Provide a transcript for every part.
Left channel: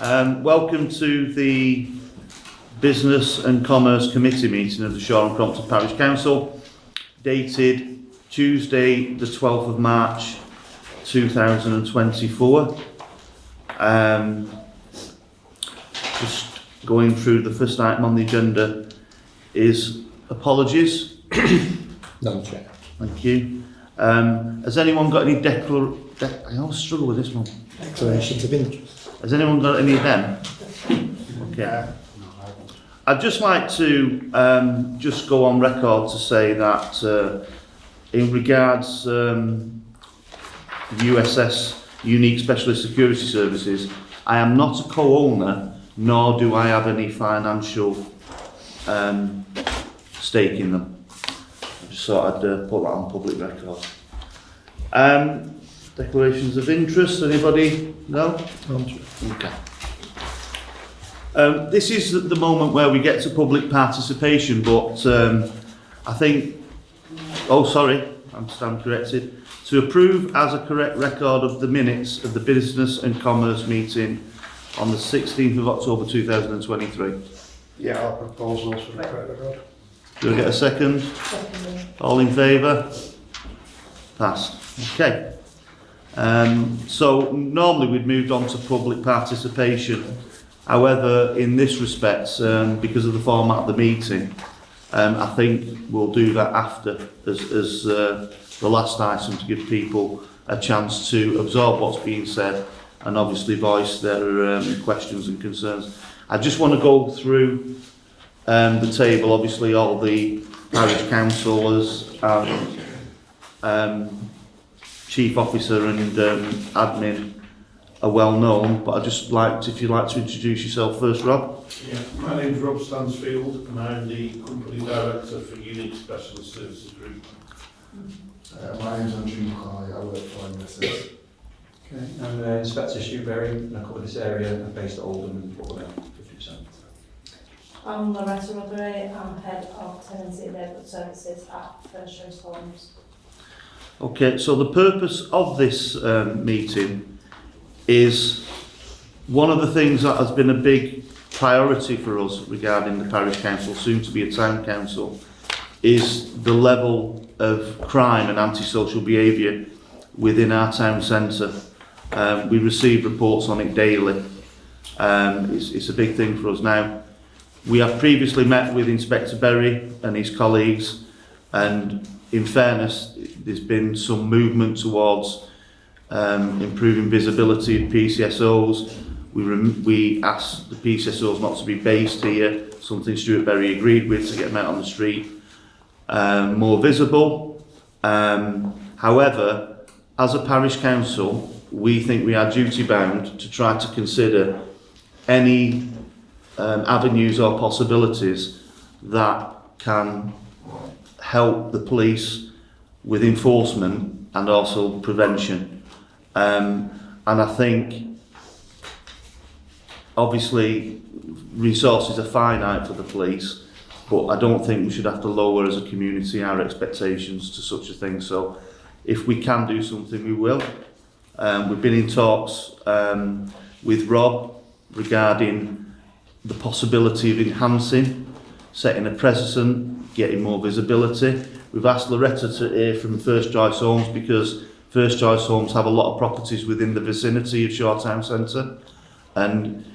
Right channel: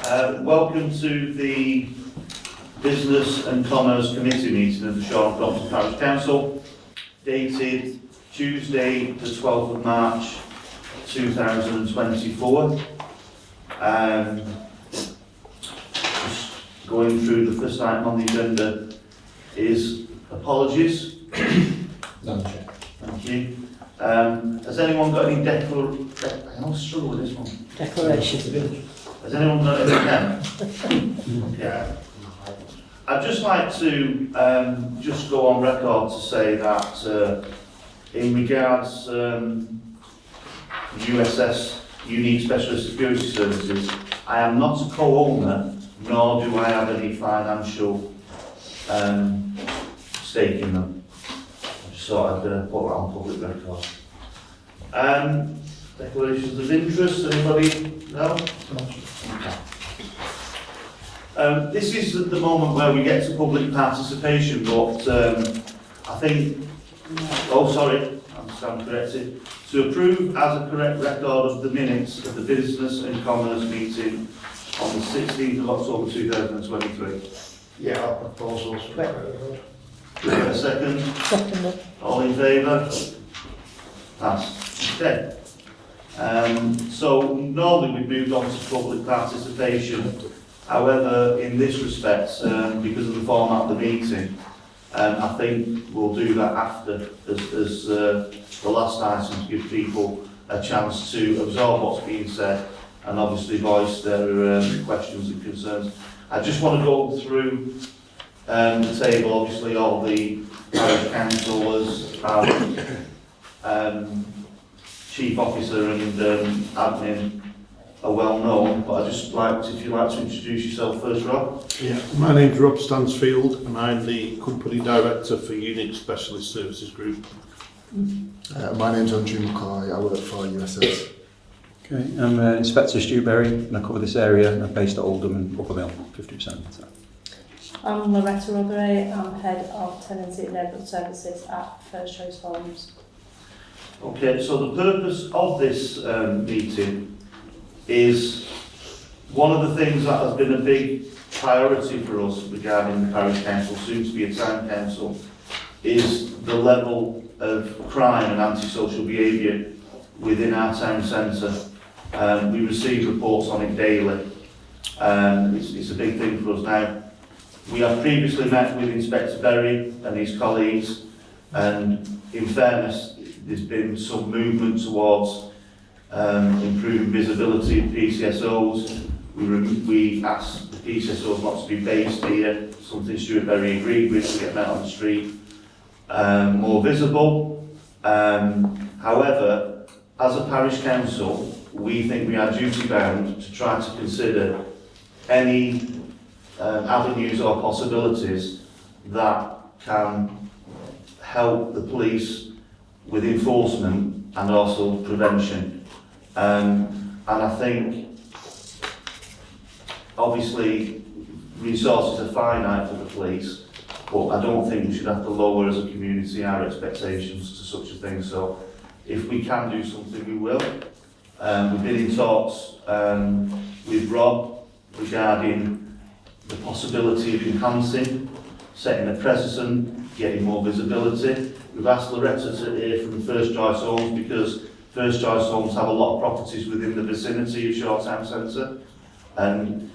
Welcome to the Business and Commerce Committee meeting of the Shoreham Crompton Parish Council, dated Tuesday the 12th of March 2024. Just going through the first item on the agenda is apologies. None, Chair. Thank you. Has anyone got any I always struggle with this one. Declarations of interest. Has anyone got any then? Okay. I'd just like to just go on record to say that in regards USS Unique Specialist Security Services, I am not a co-owner, nor do I have any financial stake in them. I just thought I'd put that on public record. Declarations of interest, anybody? No? Okay. This is the moment where we get to public participation, but I think, I'm corrected, to approve as a correct record of the minutes of the Business and Commerce meeting on the 16th of October 2023. Yeah, I'll propose those for the record. Do we get a second? Second. All in favour? Passed. Okay. So normally we'd moved on to public participation. However, in this respect, because of the format of the meeting, I think we'll do that after as the last item, to give people a chance to absorb what's being said and obviously voice their questions and concerns. I just want to go through the table. Obviously, all the parish councillors and chief officer and admin are well known, but I'd just like to, if you'd like to introduce yourself first, Rob. Yeah, my name's Rob Stansfield and I'm the Company Director for Unique Specialist Services Group. My name's Andrew McCoy, I work for USS. Okay, I'm Inspector Stu Berry and I cover this area. I'm based at Oldham and Upper Mill, 50%. So. I'm Loretta Rotherham, I'm Head of Tenancy and Neighbourhood Services at First Choice Homes. Okay, so the purpose of this meeting is one of the things that has been a big priority for us regarding the parish council, soon to be a town council, is the level of crime and antisocial behaviour within our town centre. We receive reports on it daily. It's a big thing for us now. We have previously met with Inspector Berry and his colleagues, and in fairness, there's been some movement towards improving visibility of PCSOs. We asked the PCSOs not to be based here, something Stuart Berry agreed with, to get them out on the street more visible. However, as a parish council, we think we are duty bound to try to consider any avenues or possibilities that can help the police with enforcement and also prevention. And I think obviously resources are finite for the police, but I don't think we should have to lower as a community our expectations to such a thing. So if we can do something, we will. We've been in talks with Rob regarding the possibility of enhancing, setting a precedent, getting more visibility. We've asked Loretta to hear from First Choice Homes, because First Choice Homes have a lot of properties within the vicinity of Shore Town Centre, and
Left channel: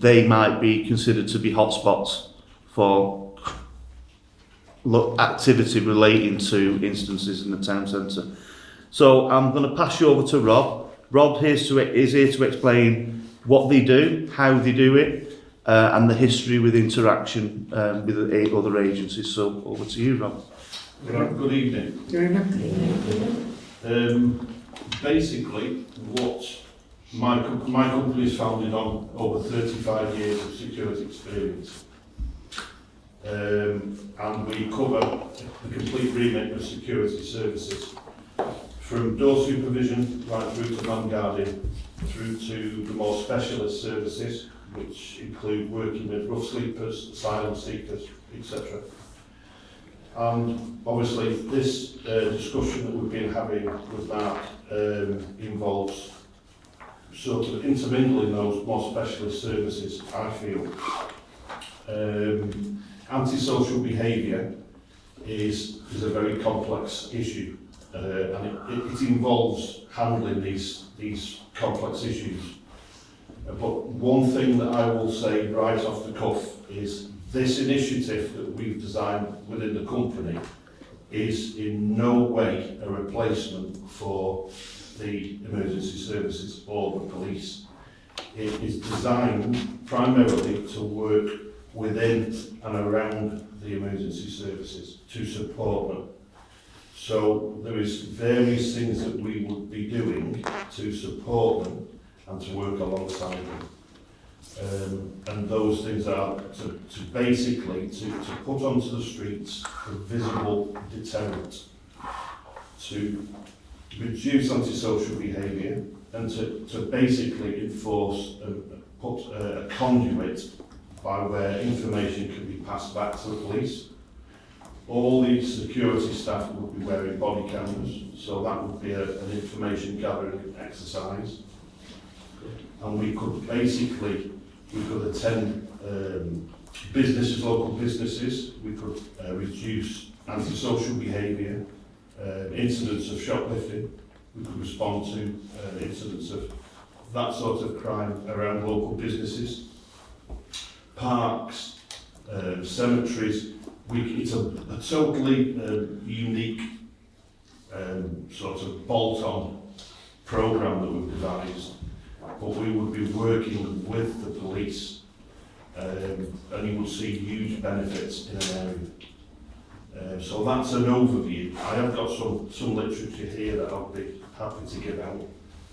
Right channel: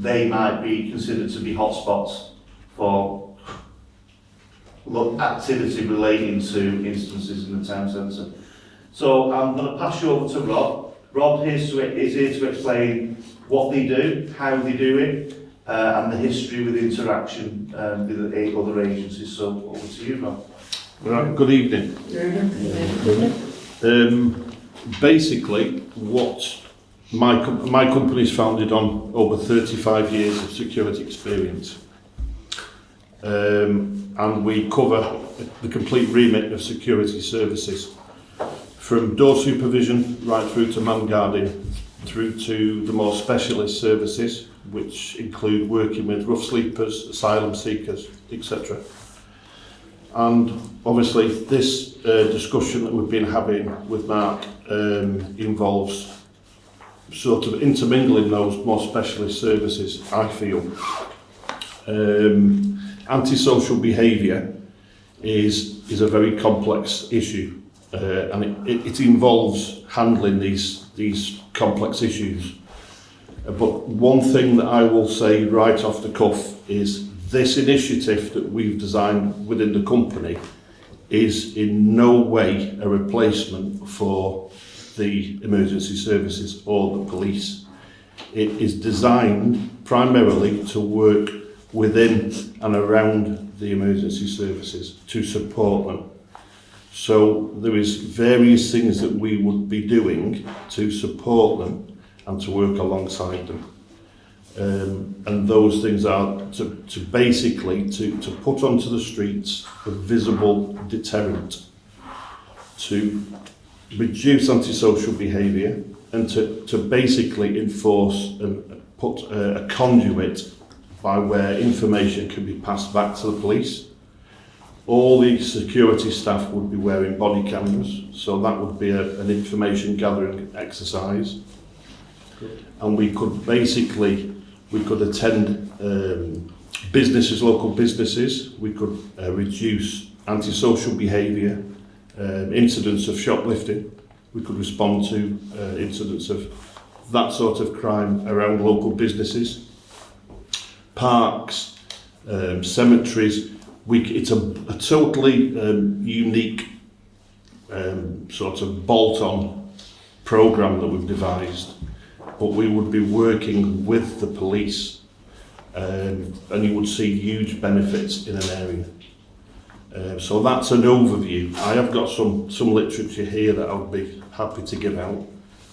they might be considered to be hotspots for activity relating to instances in the town centre. So I'm going to pass you over to Rob. Rob is here to explain what they do, how they do it, and the history with interaction with other agencies. So over to you, Rob. Right, good evening. Basically, what my company is founded on over 35 years of security experience. And we cover the complete remit of security services, from door supervision right through to man guarding, through to the more specialist services, which include working with rough sleepers, asylum seekers, etc. And obviously this discussion that we've been having with Mark involves sort of intermingling those more specialist services, I feel. Antisocial behaviour is a very complex issue, and it involves handling these complex issues. But one thing that I will say right off the cuff is this initiative that we've designed within the company is in no way a replacement for the emergency services or the police. It is designed primarily to work within and around the emergency services to support them. So there is various things that we would be doing to support them and to work alongside them. And those things are to basically to put onto the streets a visible deterrent, to reduce antisocial behaviour, and to basically enforce and put a conduit by where information can be passed back to the police. All the security staff would be wearing body cameras, so that would be an information gathering exercise. And we could basically, we could attend businesses, local businesses, we could reduce antisocial behaviour, incidents of shoplifting, we could respond to incidents of that sort of crime around local businesses, parks, cemeteries. It's a totally unique sort of bolt-on programme that we've devised, but we would be working with the police, and you would see huge benefits in an area. So that's an overview. I have got some literature here that I'll be happy to give out,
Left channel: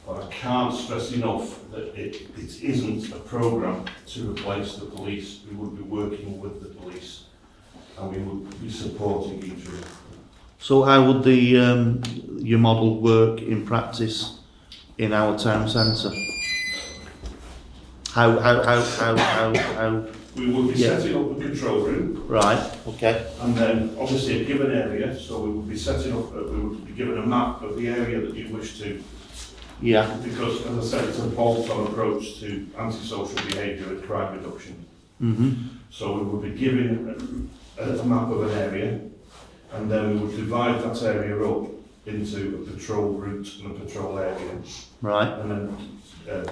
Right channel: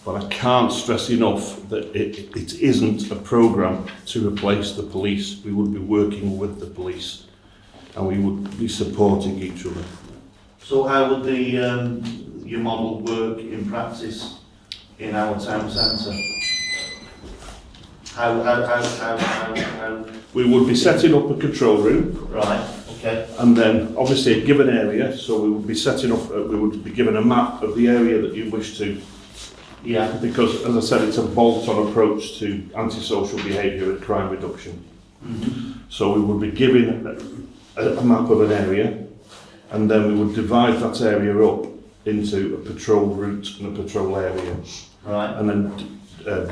but I can't stress enough that it isn't a programme to replace the police. We would be working with the police, and we would be supporting each other. So how would your model work in practice in our town centre? How? We would be setting up a control room, Right, okay. and then obviously a given area, so we would be setting up, we would be given a map of the area that you wish to, Yeah, because as I said, it's a bolt-on approach to antisocial behaviour and crime reduction. So we would be given a map of an area, and then we would divide that area up into a patrol route and a patrol area. right, And then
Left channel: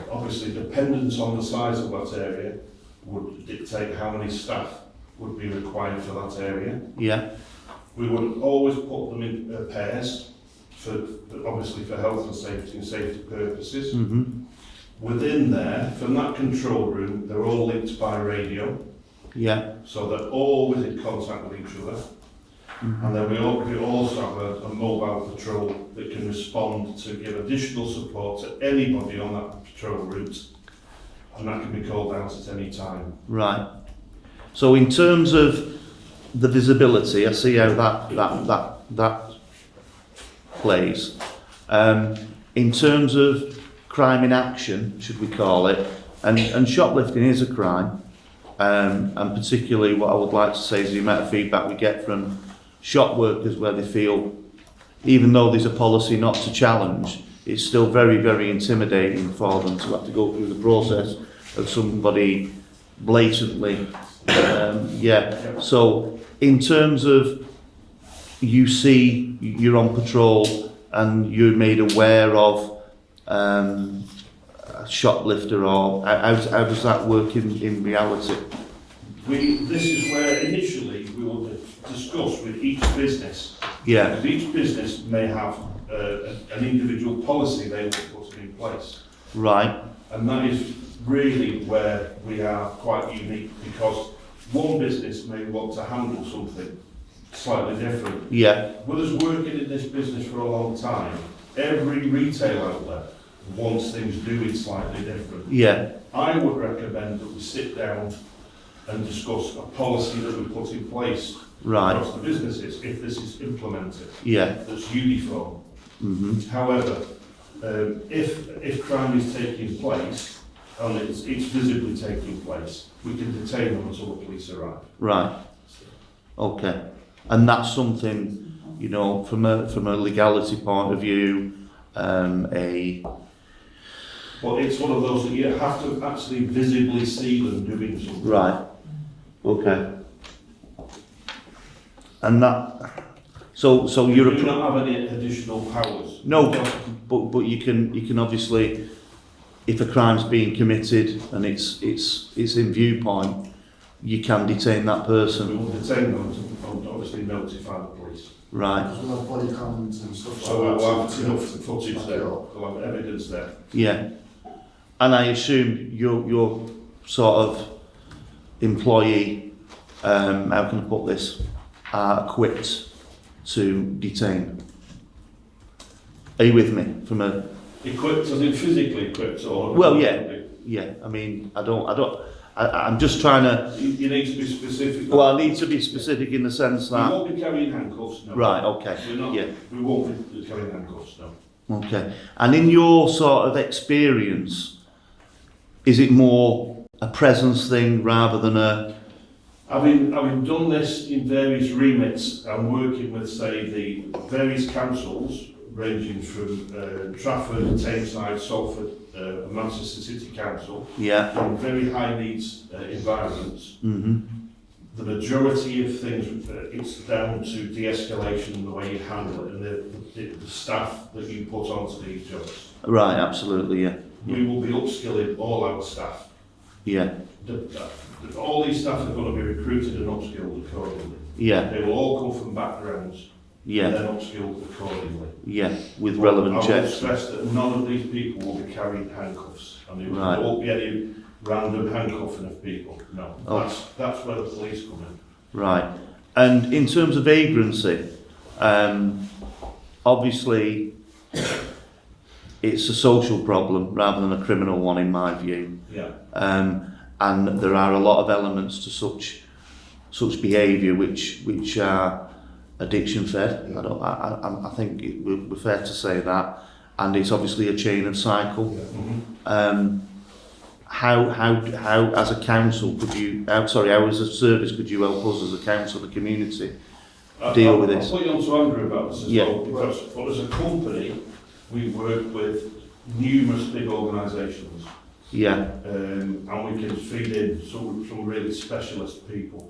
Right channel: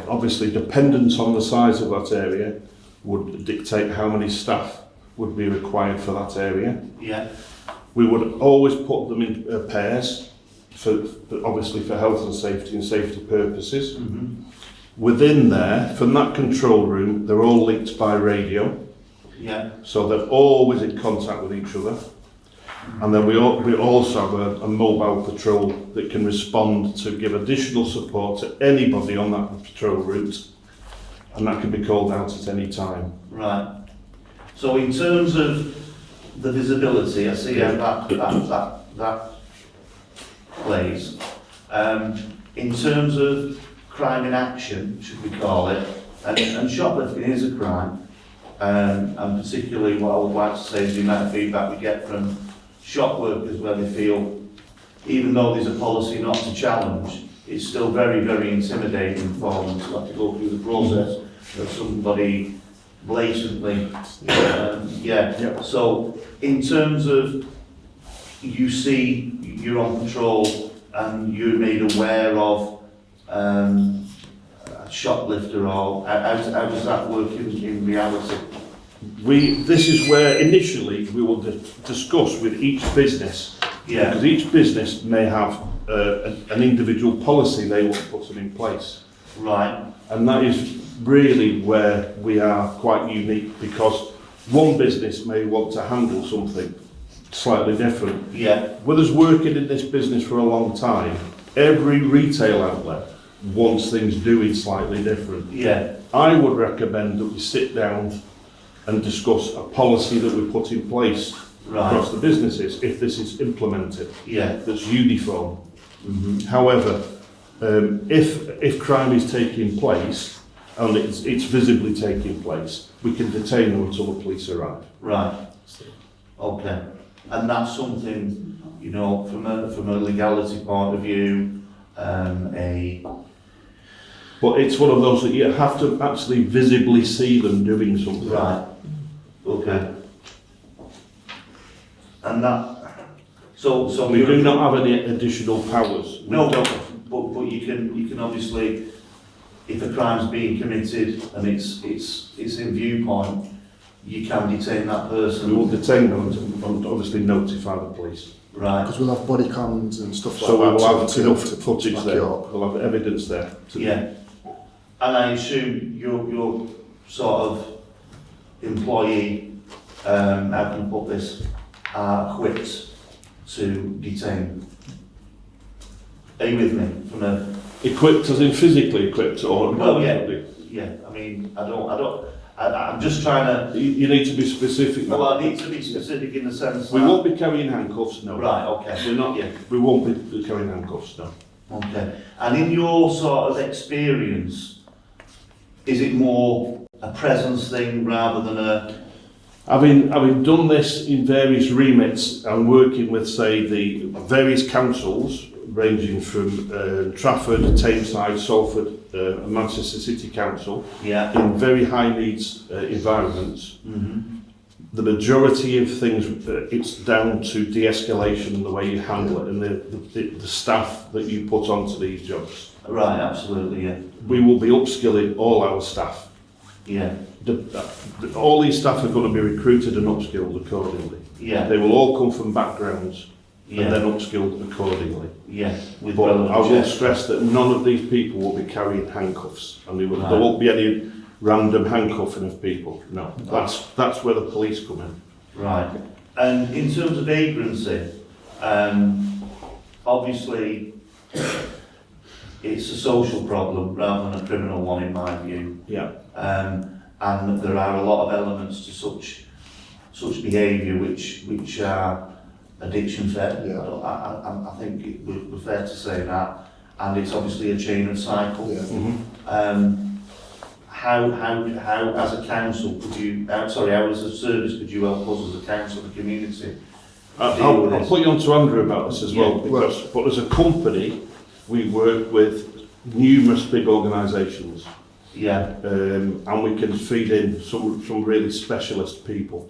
obviously dependence on the size of that area would dictate how many staff would be required for that area. yeah, We would always put them in pairs, obviously for health and safety purposes. Within there, from that control room, they're all linked by radio, yeah, so they're always in contact with each other. And then we also have a mobile patrol that can respond to give additional support to anybody on that patrol route, and that can be called out at any time. right. So in terms of the visibility, I see how that plays. In terms of crime in action, should we call it, and shoplifting is a crime, and particularly what I would like to say is the amount of feedback we get from shop workers where they feel, even though there's a policy not to challenge, it's still very, very intimidating for them to have to go through the process of somebody blatantly. Yeah. So in terms of you see you're on patrol and you're made aware of a shoplifter, or how does that work in reality? This is where initially we will discuss with each business. Yeah. Because each business may have an individual policy they want put in place. Right. And that is really where we are quite unique, because one business may want to handle something slightly different. Yeah. With us working in this business for a long time, every retail outlet wants things doing slightly different. Yeah. I would recommend that we sit down and discuss a policy that we put in place Right. across the businesses if this is implemented, Yeah. that's uniform. However, if crime is taking place and it's visibly taking place, we can detain them until the police arrive. Right. Okay. And that's something, you know, from a legality point of view, But it's one of those that you have to actually visibly see them doing something. Right. Okay. And that. So We you're do not have any additional powers. No, but you can obviously, if a crime's being committed and it's in viewpoint, you can detain that We person. will detain them and obviously notify the police. Right. Because we'll have body cams and stuff So like we that. will have enough footage back there. it up. We'll have evidence there. Yeah. And I assume your sort of employee, how can I put this, are equipped to detain. Are you with me? From a Equipped as in physically equipped or? Well, yeah. I mean, I'm just trying to. You need to be specific. Well, I need to be specific in the sense We that. won't be carrying handcuffs, no. Right. Okay. We're not. Yeah. We won't be carrying handcuffs, no. Okay. And in your sort of experience, is it more a presence thing rather than a? Having done this in various remits and working with, say, the various councils, ranging from Trafford, Tameside, Salford, and Manchester City Council, Yeah. in very high needs environments, Mm-hmm. the majority of things, it's down to de-escalation and the way you handle it and the staff that you put onto these jobs. Right. Absolutely. Yeah. We will be upskilling all our staff. Yeah. All these staff are going to be recruited and upskilled accordingly. Yeah. They will all come from backgrounds and Yeah. then upskilled accordingly. Yeah. With But relevant I will checks. stress that none of these people will be carrying handcuffs, and there Right. won't be any random handcuffing of people. No, that's where the police come in. Right. And in terms of vagrancy, obviously it's a social problem rather than a criminal one in my view. Yeah. And there are a lot of elements to such behaviour which are addiction fed. Yeah. I think we're fair to say that, and it's obviously a chain of cycle. Yeah. Mm-hmm. How as a council could you? How as a service could you help us as a council, the community? Deal with I'll this. put you on to Andrew about this as Yeah. well, but as a company, we work with numerous big organisations. Yeah. And we can feed in some really specialist people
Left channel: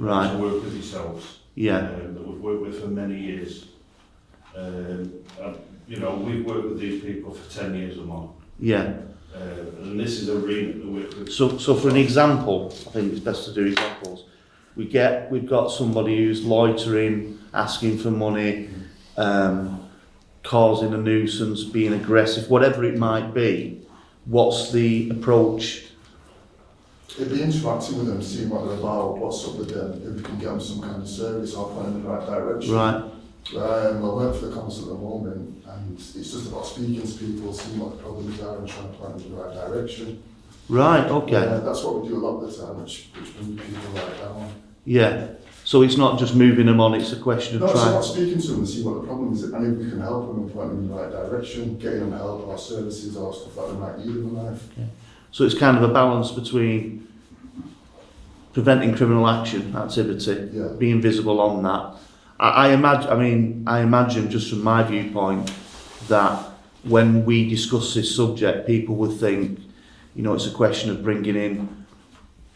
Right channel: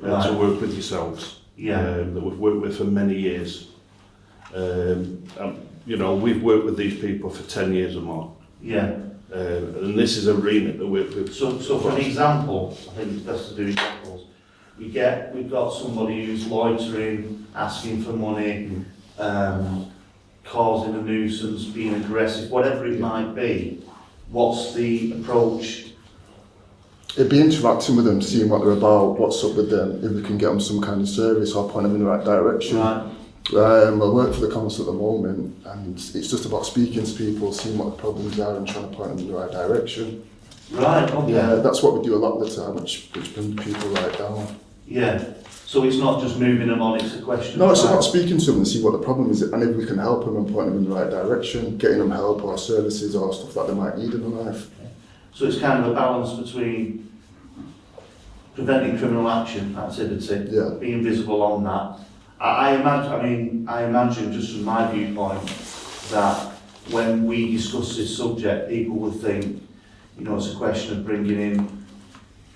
Right. to work with yourselves. Yeah. That we've worked with for many years. You know, we've worked with these people for 10 years or more. Yeah. And this is a remit that we're. So for an example, I think it's best to do examples. We've got somebody who's loitering, asking for money, causing a nuisance, being aggressive, whatever it might be. What's the approach? It'd be interacting with them, seeing what they're about, what's up with them, if we can get them some kind of service or point them in the right direction. Right. I work for the council at the moment, and it's just about speaking to people, seeing what the problems are and trying to point them in the right direction. Right. Okay. That's what we do a lot of the time, which brings people right down. Yeah. So it's not just moving them on; it's a question No, of it's trying. about speaking to them and see what the problem is, and if we can help them and point them in the right direction, getting them help or services or stuff that they might need in their life. So it's kind of a balance between preventing criminal activity, Yeah. being visible on that. I imagine just from my viewpoint that when we discuss this subject, people would think, you know, it's a question of bringing in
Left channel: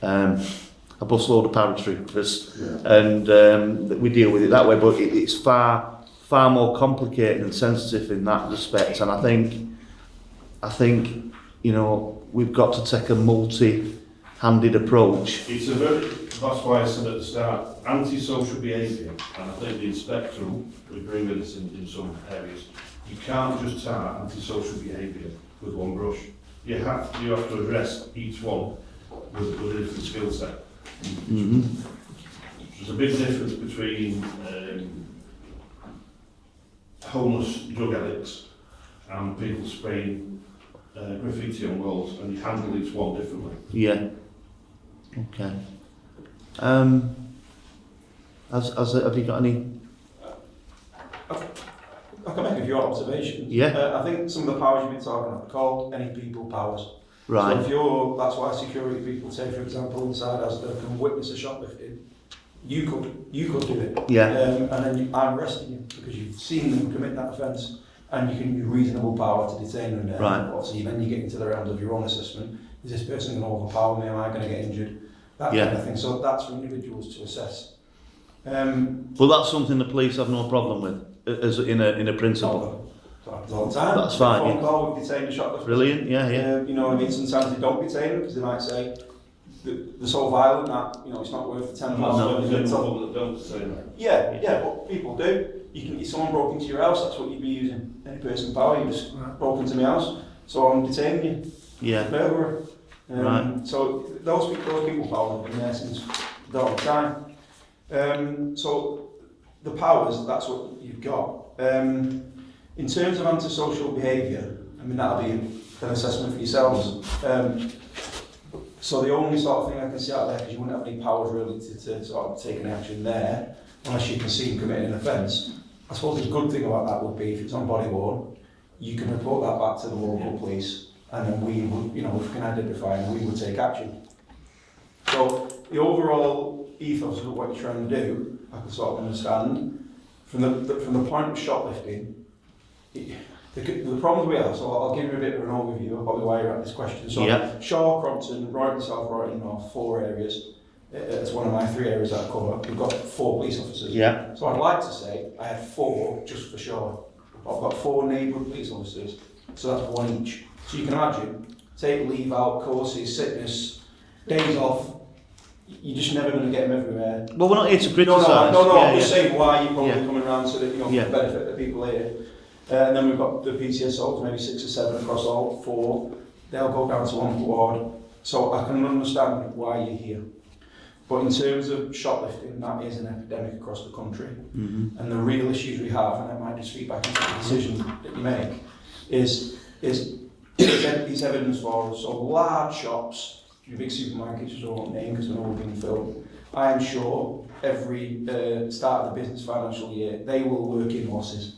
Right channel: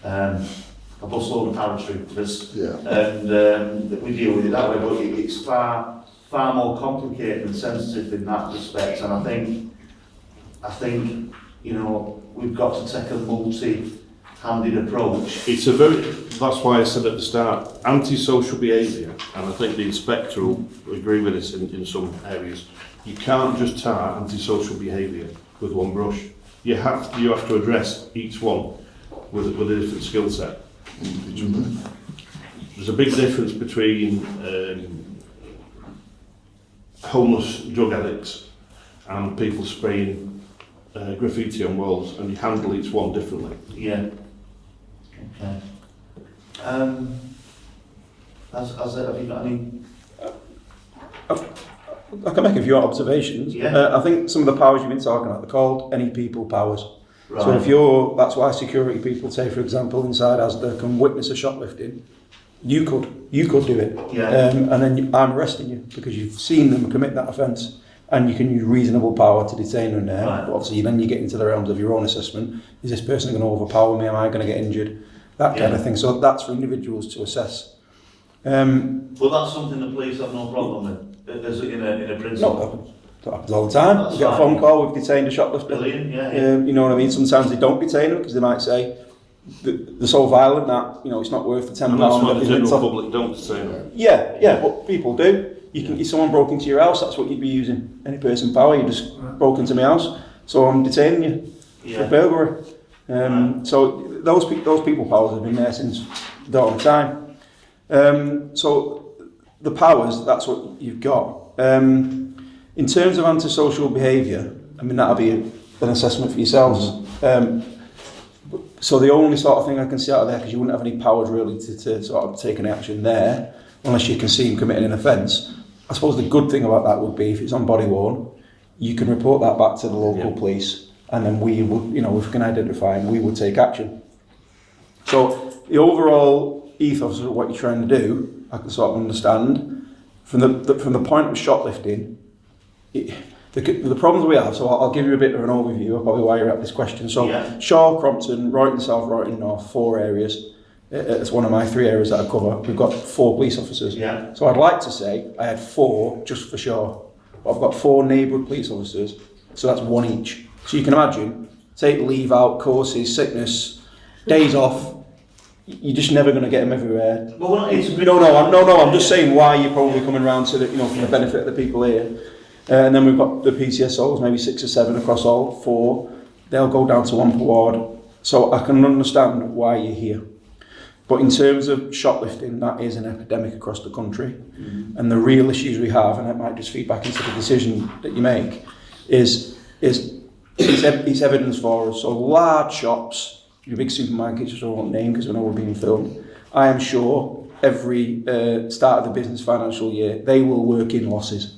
a busload of paratroopers Yeah. and that we deal with it that way. But it's far more complicated and sensitive in that respect. And I think you know we've got to take a multi-handed approach. That's why I said at the start, antisocial behaviour, and I think the inspector will agree with us in some areas. You can't just tar antisocial behaviour with one brush. You have to address each one with a different skill set. Mm-hmm. There's a big difference between homeless drug addicts and people spraying graffiti on walls, and you handle each one differently. Yeah. Okay. Have you got any? I can make a few observations. Yeah. I think some of the powers you've been talking about, they're called any people powers. Right. So that's why security people say, for example, inside Asda can witness a shoplifting. You could do it. Yeah. And then I'm arresting you because you've seen them commit that offence. and you can use reasonable power to detain them there. Right. But obviously, then you get into the realms of your own assessment. Is this person going to overpower me? Am I going to get injured? That kind of thing. So that's for individuals to assess. Well, that's something the police have no problem with, as in a principle. No, that happens all the time. That's You get a fine, phone yeah. call, we've detained a shoplifter. Brilliant, yeah. You know what I mean? Sometimes they don't detain them because they might say they're so violent that it's not worth the £10. And that's why the general Top- public don't say that. Yeah, but people do. If someone broke into your house, that's what you'd be using. Any person power, you just broke into my house, so I'm detaining you for Yeah. burglary. Right. So those people powers have been there since dawn of time. So the powers, that's what you've got. In terms of antisocial behaviour, I mean, that'll be an assessment for yourselves. So the only sort of thing I can see out of there, because you wouldn't have any powers really to sort of take any action there, unless you can see him committing an offence. I suppose the good thing about that would be if it's on body worn, you can report that back to the local police, and then we would, if we can identify him, we would take action. So the overall ethos of what you're trying to do, I can sort of understand. From the point of shoplifting, the problems we have, so I'll give you a bit of an overview of probably why you're at this question. So Shaw, Crompton, Royton South, Royton North, 4 areas. It's one of my 3 areas that I cover. We've got 4 police officers. Yeah. So I'd like to say I had 4 just for Shaw. But I've got 4 neighbourhood police officers, so that's 1 each. So you can imagine, take leave out, courses, sickness, days off, you're just never going to get them everywhere. But we're not here to No, criticise. I'm just saying why you're probably Yeah. coming around to the, for Yeah. the benefit of the people here. And then we've got the PCSOs, maybe 6 or 7 across all 4. They'll go down to 1 per ward. So I can understand why you're here. But in terms of shoplifting, that is an epidemic across the country. Mm-hmm. And the real issues we have, and it might just feed back into the decision that you make, is evidence for us. So large shops, your big supermarkets, which I won't name because I know we're being filmed, I am sure every start of the business financial year, they will work in losses.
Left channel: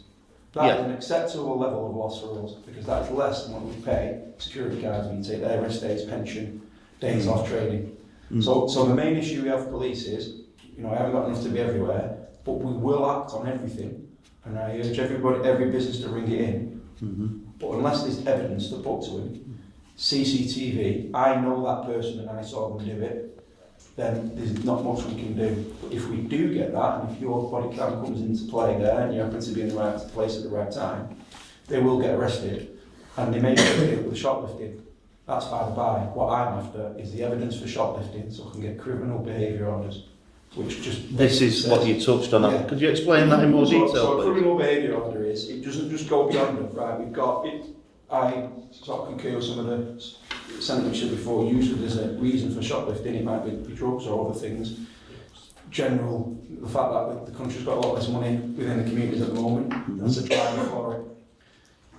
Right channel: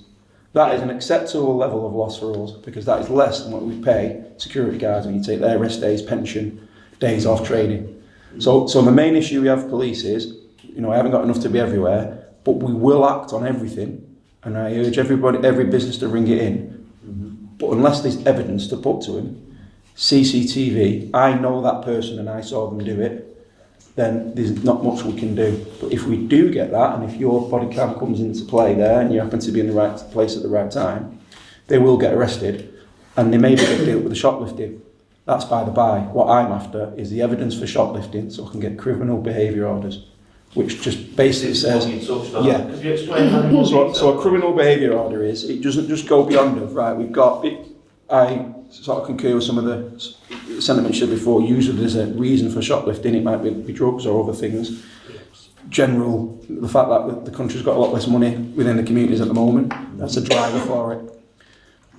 That is an acceptable level of loss for us, because that is less than what we pay security guards when you take their rest days, pension, days off training. So the main issue we have with police is, I haven't got enough to be everywhere, but we will act on everything, and I urge every business to ring it in. But unless there's evidence to put to him, CCTV, I know that person and I saw them do it, then there's not much we can do. But if we do get that, and if your body cam comes into play there and you happen to be in the right place at the right time, they will get arrested, and they may be able to deal with the shoplifting. That's by the by. What I'm after is the evidence for shoplifting, so I can get criminal behaviour orders, which just basically This is says... what you touched on. Yeah. Could you explain that in more detail? So a criminal behaviour order is, it doesn't just go beyond it, right? We've got it. I sort of concur with some of the sentiments you said before. Usually there's a reason for shoplifting. It might be drugs or other things. The fact that the country's got a lot less money within the communities at the moment, that's a driver for it.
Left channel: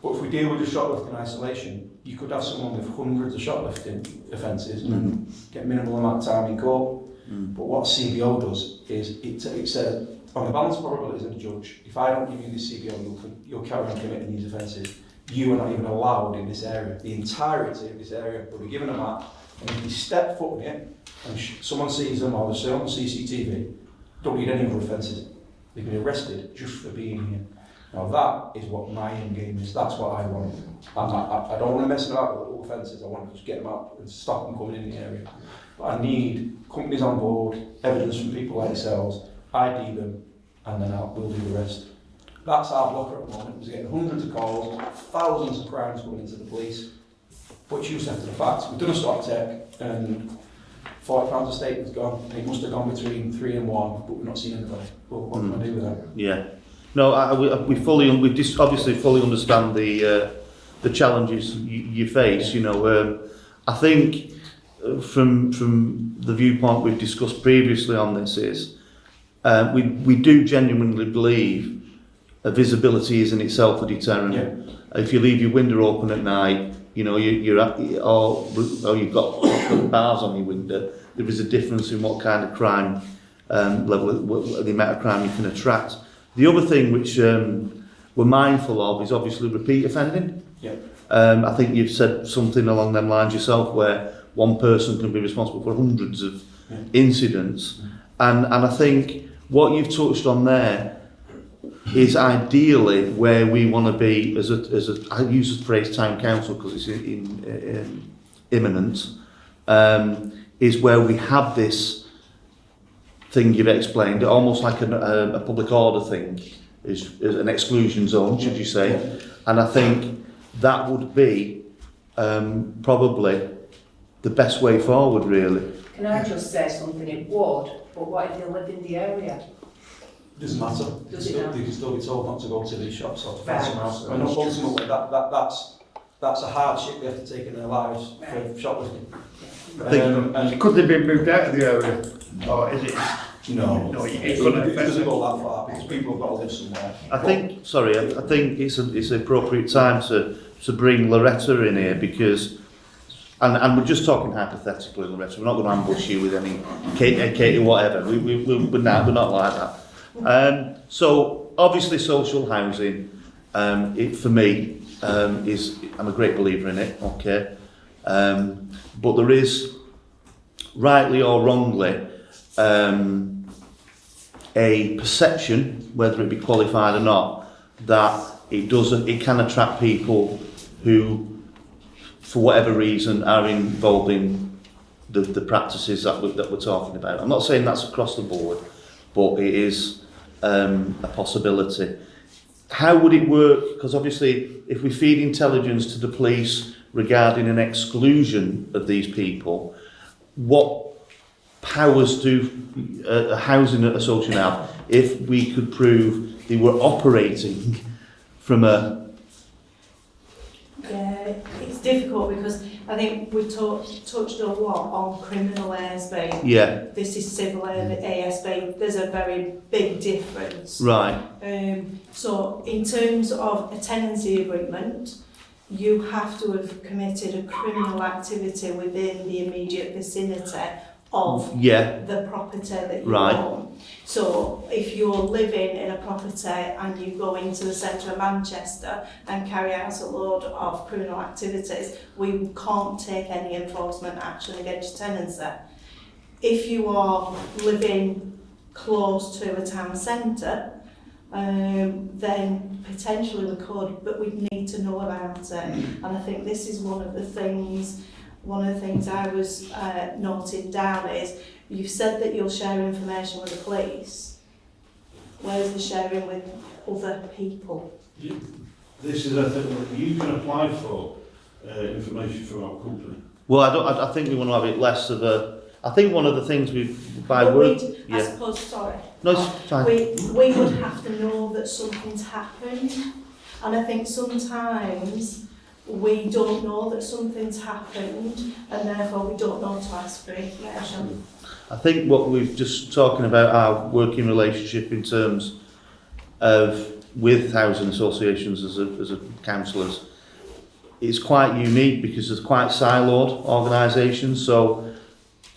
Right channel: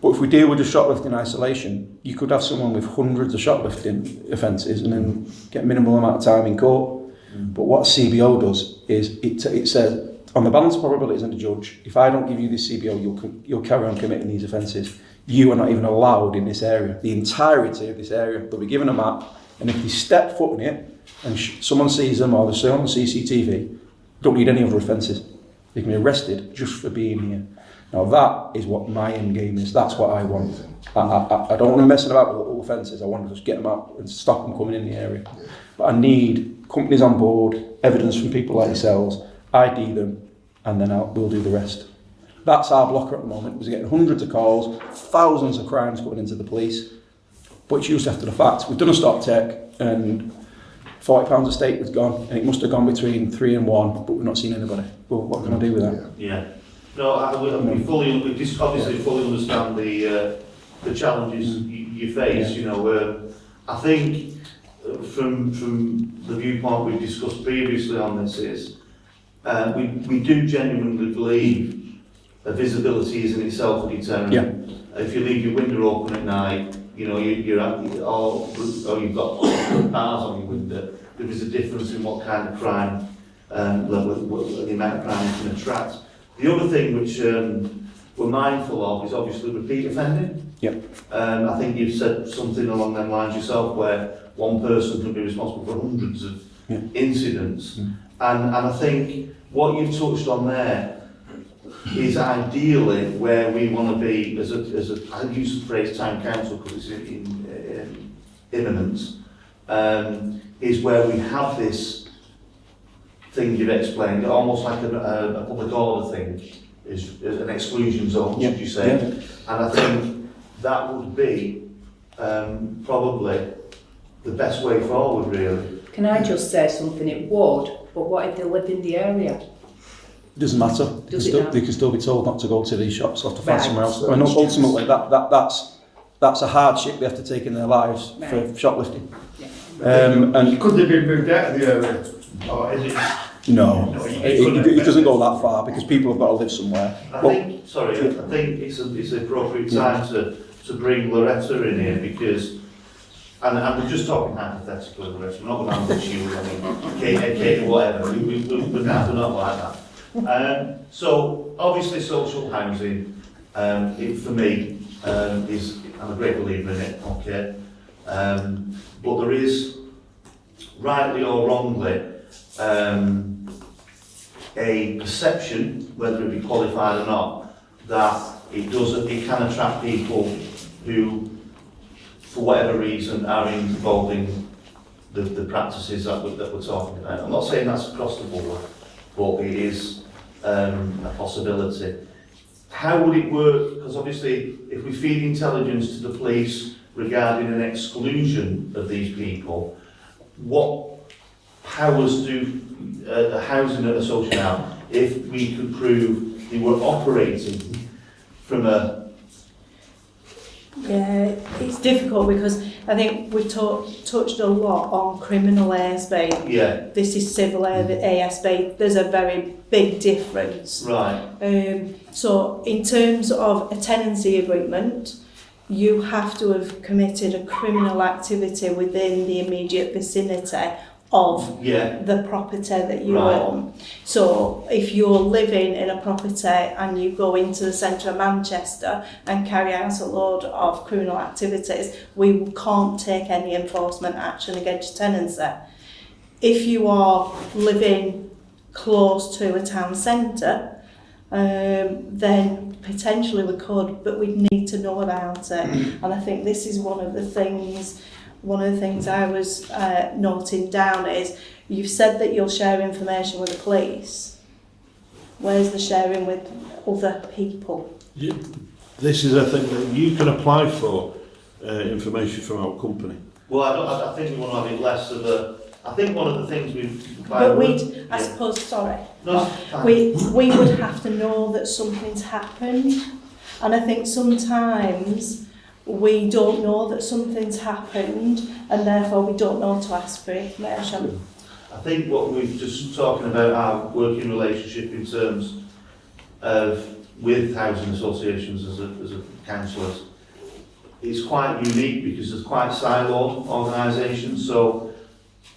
But if we deal with the shoplifting isolation, you could have someone with hundreds of shoplifting offences and then get minimal amount of time in court. But what CBO does is it says, on the balance of probabilities and the judge, if I don't give you this CBO, you'll carry on committing these offences. You are not even allowed in this area. The entirety of this area, they'll be given a map, and if they step foot in it and someone sees them or they're shown on CCTV, don't need any other offences. They can be arrested just for being here. Now that is what my end game is. That's what I want. I don't want them messing about with little offences. I want to just get them out and stop them coming in the area. But I need companies on board, evidence from people like yourselves, ID them, and then we'll do the rest. That's our blocker at the moment. We're getting hundreds of calls, thousands of crimes going into the police, but it's used after the fact. We've done a stop take, and £40 a stake was gone, and it must have gone between 3 and 1, but we've not seen anybody. Well, what can I do with that? Yeah. No, we obviously fully understand the challenges you face. I think from the viewpoint we've discussed previously on this is we do genuinely believe visibility is in itself a deterrent. Yeah. If you leave your window open at night, you've got bars on your window, there is a difference in what kind of crime level, the amount of crime you can attract. The other thing which we're mindful of is obviously repeat offending. Yeah. I think you've said something along them lines yourself, where one person can be responsible for hundreds of incidents, and I think what you've touched on there, is ideally where we want to be as a I use the phrase town council because it's imminent, is where we have this thing you've explained, almost like a public order thing, is an exclusion zone, should you say. Yeah. And I think that would be probably the best way forward, really. Can I just say something? It would, but what if they live in the area? Doesn't matter. Does it now? They can still be told not to go to these shops or to find Right. somewhere else. I mean, ultimately, that's a hardship they have to take in their lives for Right. shoplifting. Um, And Could they be moved out of the area? Or is it? no, No, it doesn't go that far because people have got to live somewhere. I think it's an appropriate time to bring Loretta in here because, and we're just talking hypothetically, Loretta, we're not going to ambush you with any cake or whatever, we're not like that. So, obviously social housing, it, for me, is, I'm a great believer in it, okay, but there is, rightly or wrongly, a perception, whether it be qualified or not, that it can attract people who, for whatever reason, are involved in the practices that we're talking about. I'm not saying that's across the board, but it is a possibility. How would it work? Because obviously, if we feed intelligence to the police regarding an exclusion of these people, what powers do a housing association have if we could prove they were operating from a... Yeah, it's difficult because I think we've touched a lot on criminal ASB. Yeah, This is civil ASB. There's a very big difference. right, So in terms of a tenancy agreement, you have to have committed a criminal activity within the immediate vicinity of yeah, the property that you Right. own. So if you're living in a property and you go into the centre of Manchester and carry out a load of criminal activities, we can't take any enforcement action against your tenancy. If you are living close to a town centre, then potentially we could, but we'd need to know about it. And I think this is one of the things I was noting down is you've said that you'll share information with the police. Where's the sharing with other people? This is a thing that you can apply for information from our company. Well, I think we want to have it less of a... I think one of the things I suppose, sorry. No, it's fine. We would have to know that something's happened. And I think sometimes we don't know that something's happened and therefore we don't know to ask for information. I think what we've just talking about our working relationship in terms of with housing associations as a councillors is quite unique because there's quite siloed organisations. So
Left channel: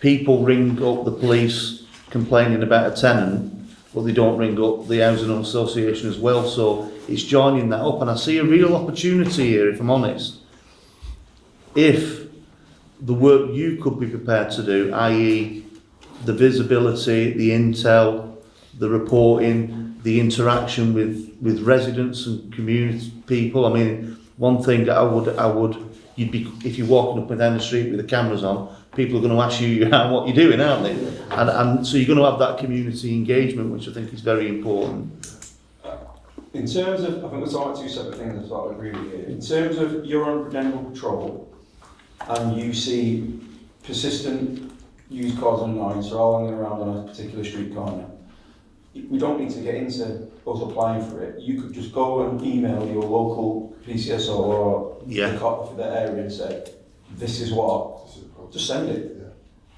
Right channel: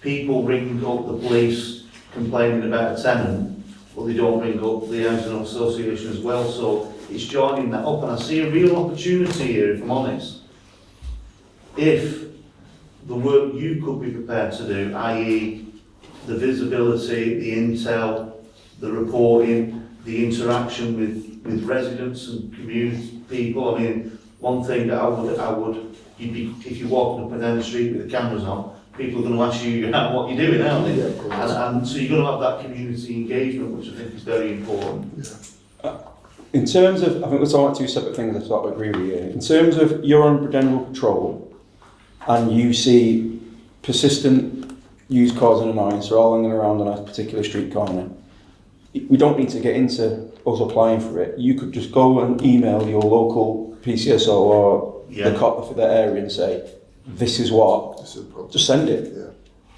people ring up the police complaining about a tenant, but they don't ring up the housing association as well. So it's joining that up, and I see a real opportunity here, if I'm honest. If the work you could be prepared to do, i.e. the visibility, the intel, the reporting, the interaction with residents and community people. I mean, one thing I would, you'd be, if you're walking up and down the street with the cameras on, people are going to ask you what you're doing, aren't they? And so you're going to have that community engagement, which I think is very important. In terms of, I think we're talking about two separate things. I sort of agree with you. In terms of you're on general patrol and you see persistent use causing annoyance or all hanging around on a particular street corner, we don't need to get into us applying for it. You could just go and email your local PCSO or the cop for the area and say, this is what, just send it. Yeah.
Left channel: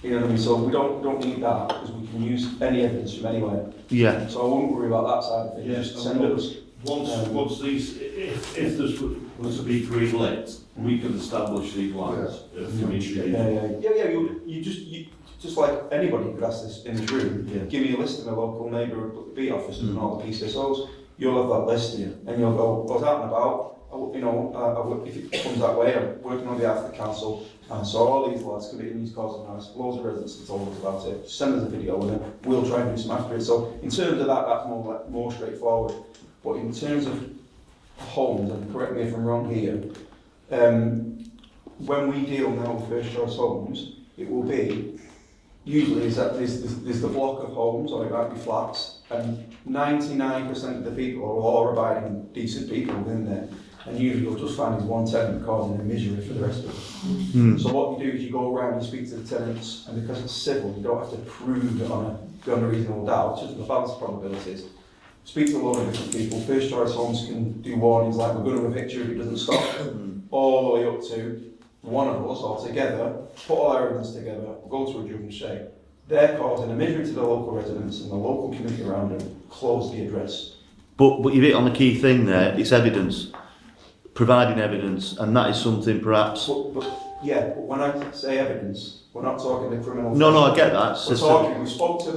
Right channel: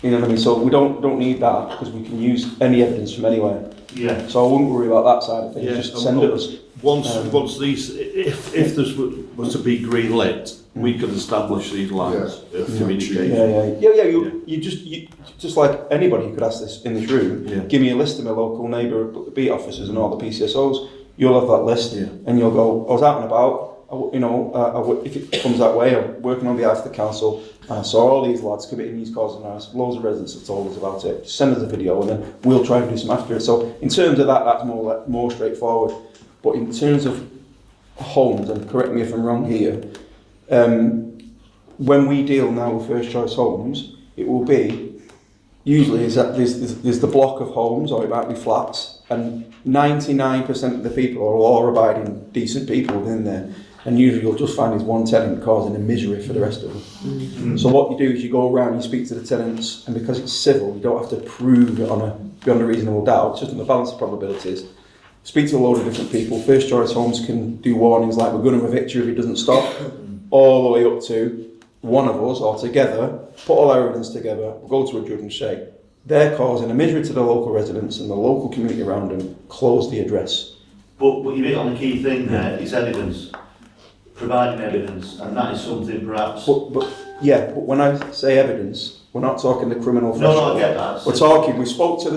You know what I mean? So we don't need that because we can use any evidence from anywhere. Yeah. So I wouldn't worry about that side of things. Yeah, Just send it us. Once these, if this was to be green lit, we could establish these lines of communication. You just like anybody could ask this in this room. Yeah. Give me a list of my local neighbour beat officers and all the PCSOs. You'll have that list, and you'll go. I was out and about. If it comes that way, I'm working on behalf of the council. And I saw all these lads committing these causes and nice. Loads of residents have told us about it. Send us a video, and then we'll try and do some after it. So in terms of that, that's more straightforward. But in terms of homes, and correct me if I'm wrong here, when we deal now with first choice homes, it will be, usually is that there's the block of homes, or it might be flats, and 99% of the people are law-abiding, decent people within there. And usually you'll just find is one tenant causing a misery for the rest of them. So what you do is you go around, you speak to the tenants, and because it's civil, you don't have to prove it beyond a reasonable doubt, it's just on the balance of probabilities. Speak to a load of different people. First choice homes can do warnings like we're going to evict you if it doesn't stop, all the way up to one of us or together, put all our evidence together, go to a judge and say, they're causing a misery to the local residents and the local community around them, close the address. But you hit on the key thing there, it's evidence, providing evidence, and that is something perhaps... But when I say evidence, we're not talking the criminal... No, I get that. We're talking, we spoke to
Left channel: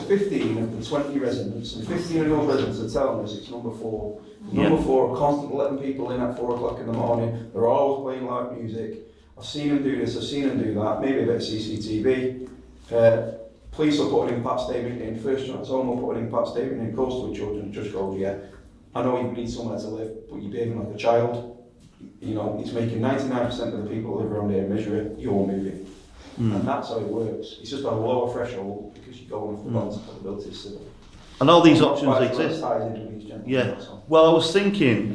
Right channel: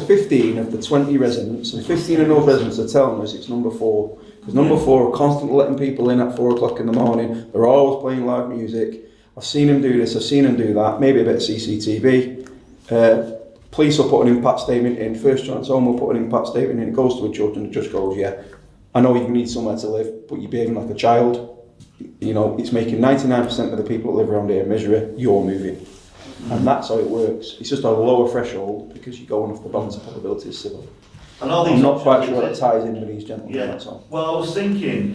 15 of the 20 residents, and 15 of those residents are telling us it's number 4. Because number 4 are constantly letting people in at 4 o'clock in the morning, they're always playing live music. I've seen them do this, I've seen them do that, maybe a bit of CCTV. Police will put an impact statement in, First Choice Home will put an impact statement in, it goes to a judge and the judge goes, yeah, I know you need somewhere to live, but you're behaving like a child. You know, it's making 99% of the people that live around here misery, you're moving. And that's how it works. It's just a lower threshold because you're going off the balance of probabilities civil. And all these I'm not options quite sure exist. that ties in with these gentlemen, Yeah. that's all. Well, I was thinking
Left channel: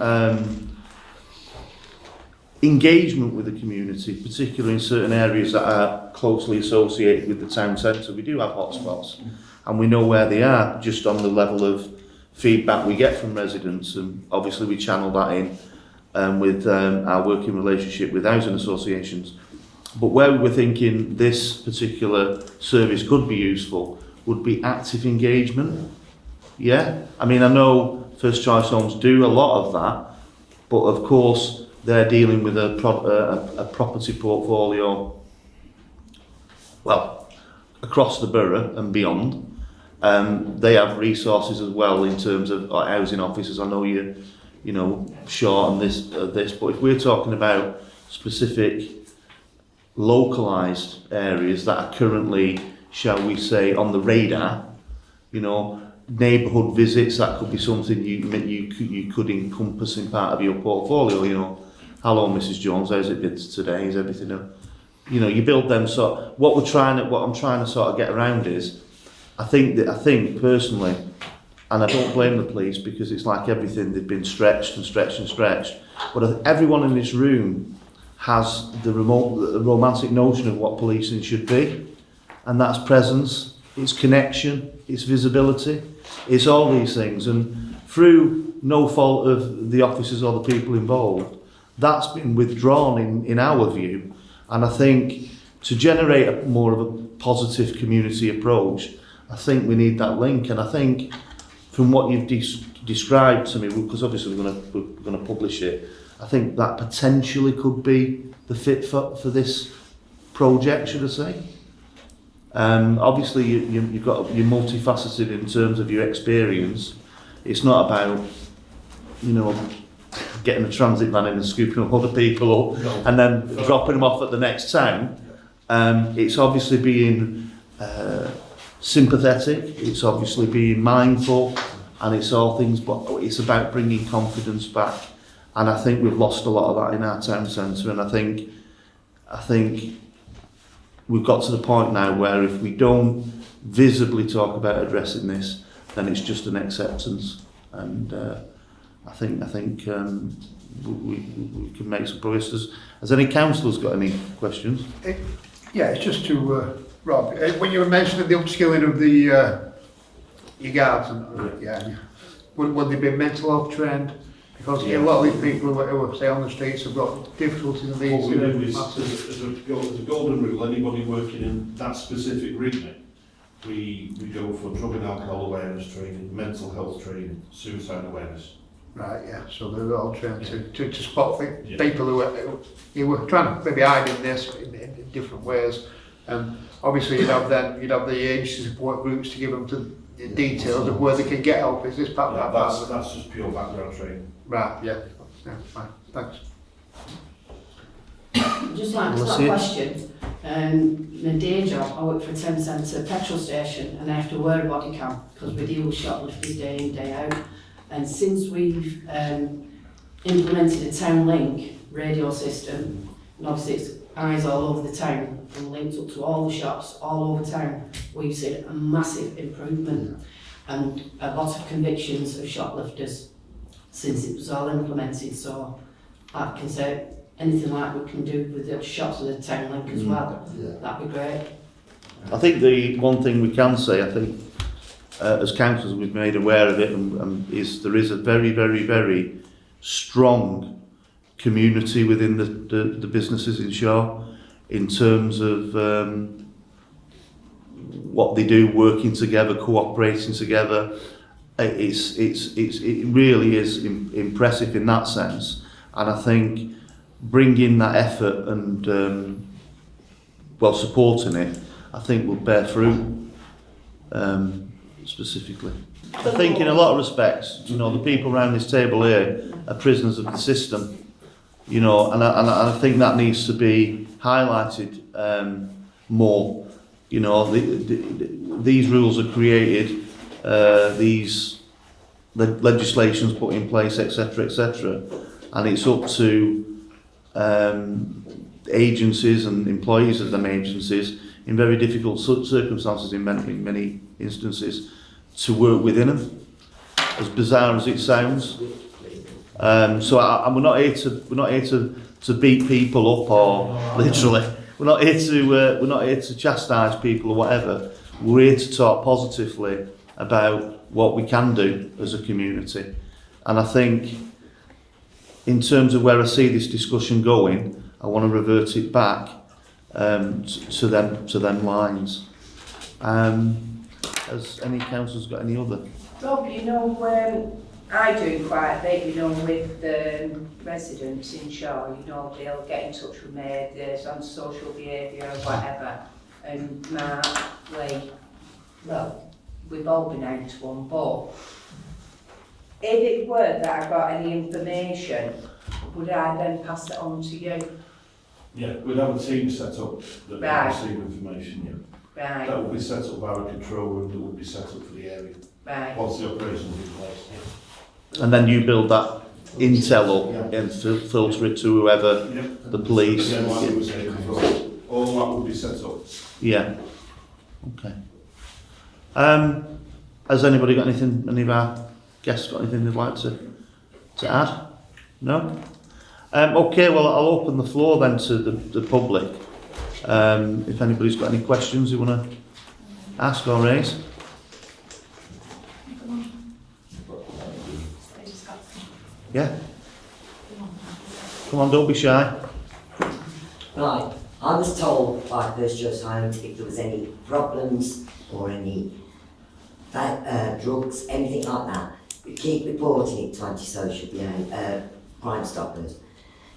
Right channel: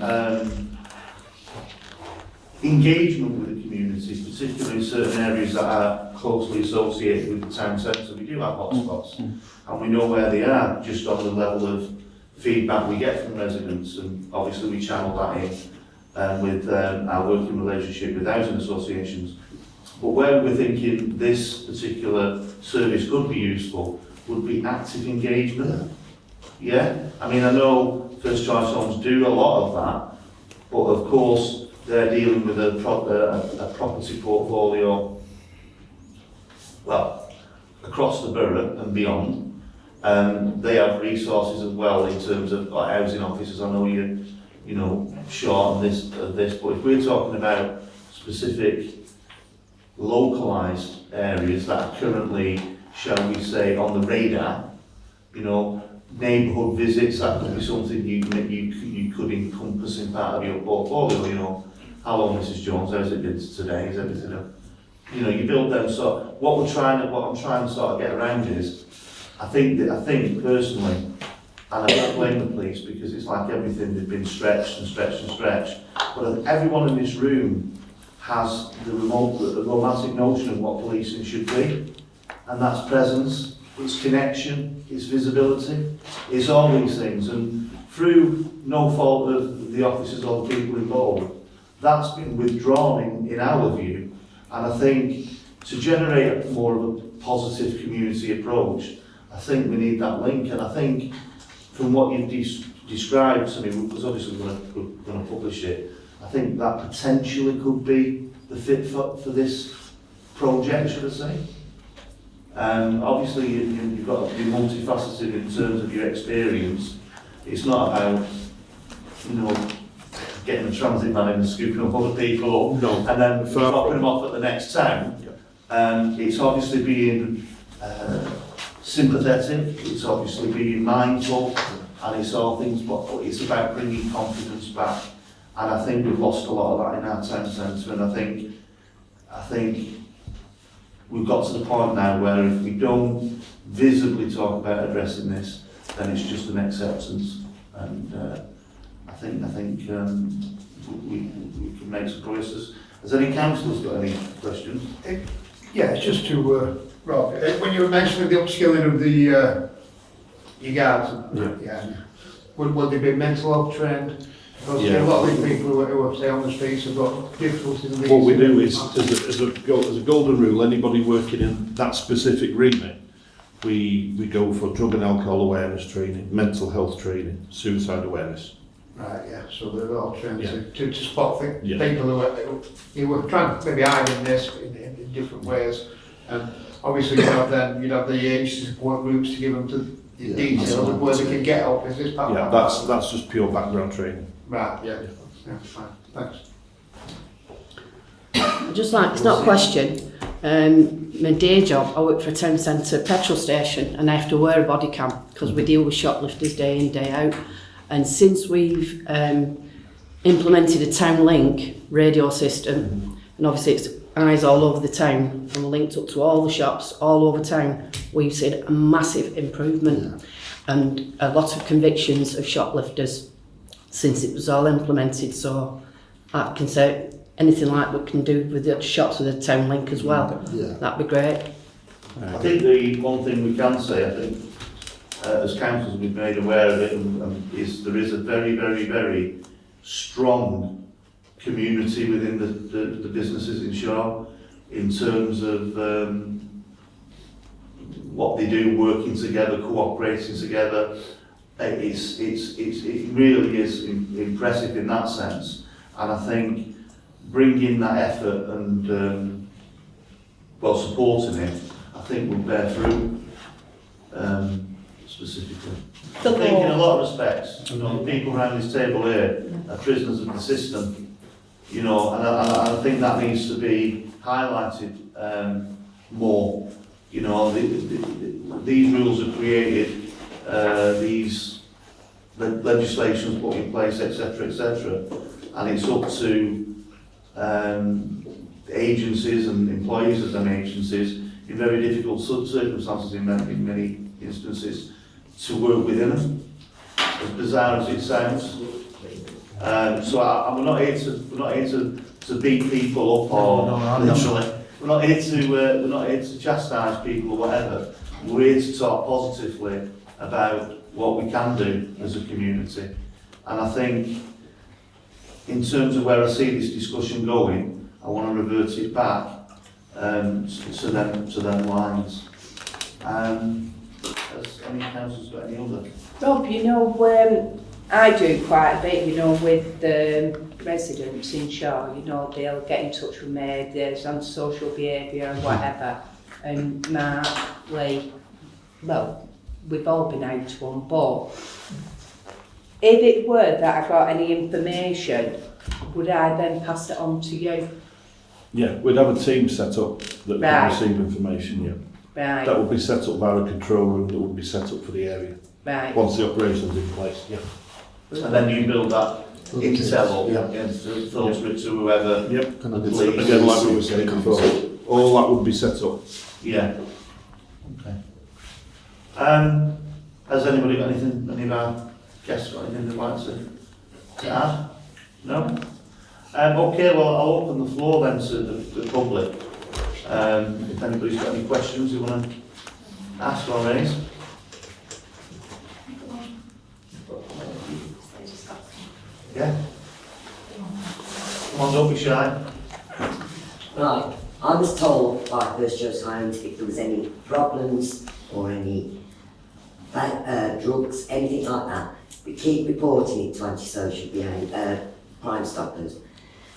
engagement with the community, particularly in certain areas that are closely associated with the town centre. We do have hotspots, and we know where they are just on the level of feedback we get from residents, and obviously we channel that in with our working relationship with housing associations. But where we're thinking this particular service could be useful would be active engagement. Yeah, I mean, I know First Choice Homes do a lot of that, but of course they're dealing with a property portfolio, well, across the borough and beyond. They have resources as well in terms of housing officers. I know you know, short on this, but if we're talking about specific localised areas that are currently, shall we say, on the radar, you know, neighbourhood visits, that could be something you could encompass in part of your portfolio. You know, hello Mrs Jones, how's it been today? Is everything up? You know, you build them. So what I'm trying to sort of get around is, I think personally, and I don't blame the police because it's like everything, they've been stretched and stretched and stretched. But everyone in this room has the romantic notion of what policing should be, and that's presence, it's connection, it's visibility, it's all these things, and through no fault of the officers or the people involved, that's been withdrawn in our view. And I think to generate more of a positive community approach, I think we need that link. And I think from what you've described to me, because obviously we're going to publish it, I think that potentially could be the fit for this project, should I say. Obviously you're multifaceted in terms of your experience. It's not about, you know, getting a transit van in and scooping up other people up and then dropping them off at the next town. It's obviously being sympathetic, it's obviously being mindful, and it's all things, but it's about bringing confidence back. And I think we've lost a lot of that in our town centre, and I think we've got to the point now where if we don't visibly talk about addressing this, then it's just an acceptance. And I think we can make some progress. Has any councillors got any questions? Yeah, it's just to Rob. When you were mentioning the upskilling of the your guards, would they be mental health trained? Because a lot of these people who are say on the streets have got difficulties in these. What we do is, as a golden rule, anybody working in that specific remit, we go for drug and alcohol awareness training, mental health training, suicide awareness. Right, yeah, so they're all trained to spot Yeah. people who were trying to maybe hide in this in different ways. And obviously you'd have the agency support groups to give them the details of where they can get help. Is this part of Yeah, that? that's just pure background training. Right, yeah, fine, thanks. I'd just like, it's not a question, My day job, I work for a town centre petrol station and I have to wear a body cam because we deal with shoplifters day in, day out. And since we've implemented a town link radio system, and obviously it's eyes all over the town and linked up to all the shops all over town, we've seen a massive improvement and a lot of convictions of shoplifters since it was all implemented. So I can say anything like we can do with the shops with the town link as well, Yeah. that'd be great. I think the one thing we can say, I think, as councillors we've made aware of it, is there is a very, very, very strong community within the businesses in Shaw in terms of what they do, working together, cooperating together. It really is impressive in that sense, and I think bringing that effort and supporting it, I think will bear fruit. Specifically, I think in a lot of respects, you know, the people around this table here are prisoners of the system, you know, and I think that needs to be highlighted more. You know, these rules are created, these legislations put in place, etc., etc., and it's up to agencies and employees of them agencies in very difficult circumstances in many instances to work within them, as bizarre as it sounds. So we're not here to beat people up or literally. We're not here to chastise people or whatever. We're here to talk positively about what we can do as a community. And I think in terms of where I see this discussion going, I want to revert it back to them lines. Has any councillors got any other? Rob, you know, I do quite a bit, you know, with the residents in Shaw, you know, they'll get in touch with me, there's antisocial behaviour, whatever. And Mark, Lee, well, we've all been out to one, but if it were that I got any information, would I then pass it on to you? Yeah, we'd have a team set up that Right. can receive information, yeah. Right, That would be set up by a control room that would be set up for the area, right. once the operation's in place, yeah. And then you build that intel Yeah. up and filter it to whoever, Yep. the police. Again, like we were saying before, all that would be set up. Yeah. Okay. Has anybody got anything, any of our guests got anything they'd like to add? No? Okay, well, I'll open the floor then to the public. If anybody's got any questions you want to ask or raise. Yeah? Come on, don't be shy. Right, I was told by First Choice Homes if there was any problems or any drugs, anything like that, we keep reporting it to antisocial behaviour, Crime Stoppers.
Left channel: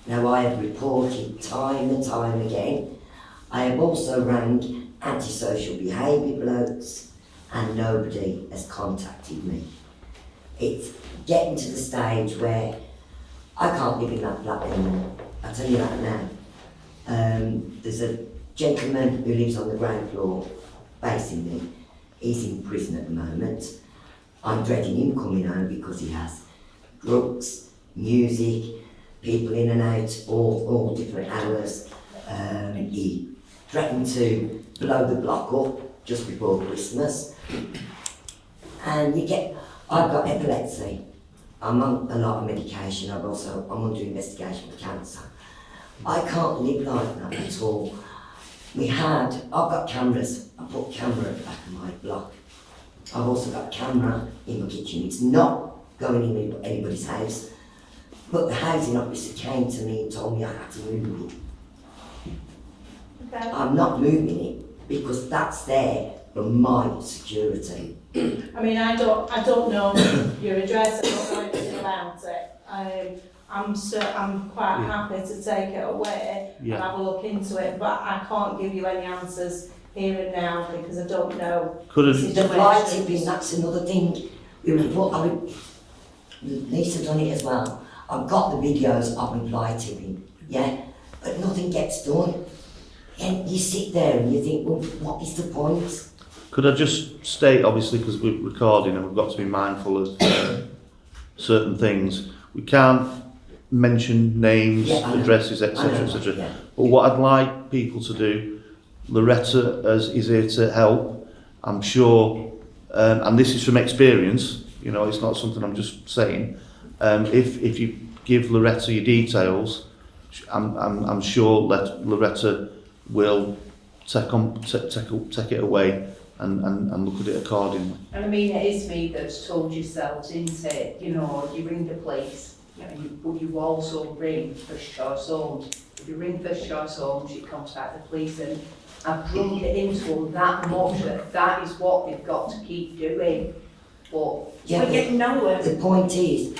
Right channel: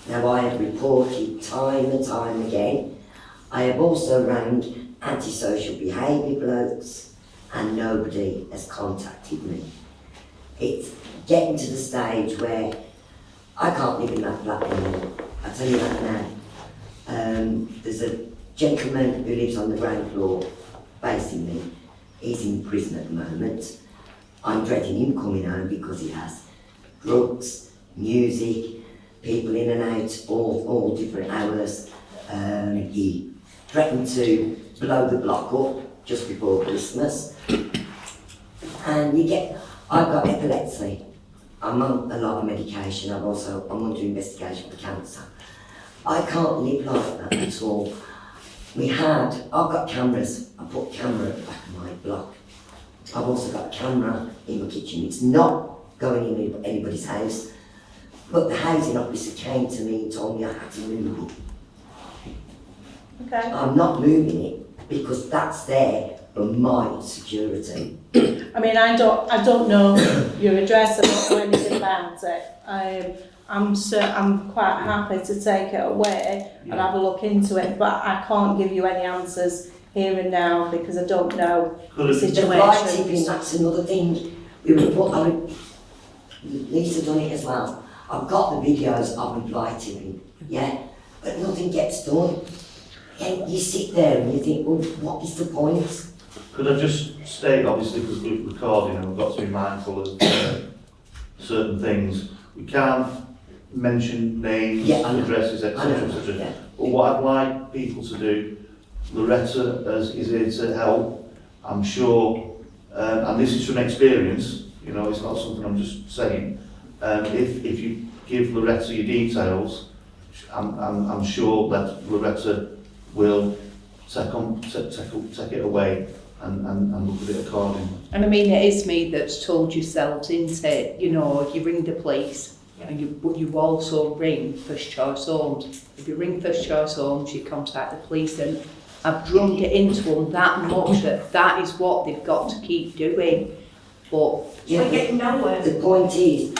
Now I have reported time and time again. I have also rang antisocial behaviour blokes and nobody has contacted me. It's getting to the stage where I can't live in that flat anymore. I tell you that now. There's a gentleman who lives on the ground floor facing me. He's in prison at the moment. I'm dreading him coming home because he has drugs, music, people in and out, all different hours. He threatened to blow the block up just before Christmas. And I've got epilepsy. I'm on a lot of medication. I'm under investigation for cancer. I can't live like that at all. I've got cameras. I put a camera at the back of my block. I've also got a camera in my kitchen. It's not going in anybody's house. But the housing officer came to me and told me I had to move it. Okay. I'm not moving it because that's there for my security. I mean, I don't know your address, I don't know anything about it. I'm quite happy to take it away and have a look into it, but I can't give you any answers here and now because I don't know the The fly tipping, situation. that's another thing. Lisa done it as well. I've got the videos of the fly tipping, yeah, but nothing gets done. And you sit there and you think, well, what is the point? Could I just state, obviously, because we're recording and we've got to be mindful of certain things. We can't mention names, Yeah, I know. addresses, I etc., know, etc. yeah. But what I'd like people to do, Loretta is here to help. I'm sure, and this is from experience. You know, it's not something I'm just saying. If you give Loretta your details, I'm sure that Loretta will take it away and look at it accordingly. And I mean, it is me that's told yourselves, isn't it? You know, you ring the police, but you also ring First Choice Homes. If you ring First Choice Homes, you contact the police, and I've drummed it into them that much that is what they've got to keep doing. But Yeah, we're getting nowhere. the point is,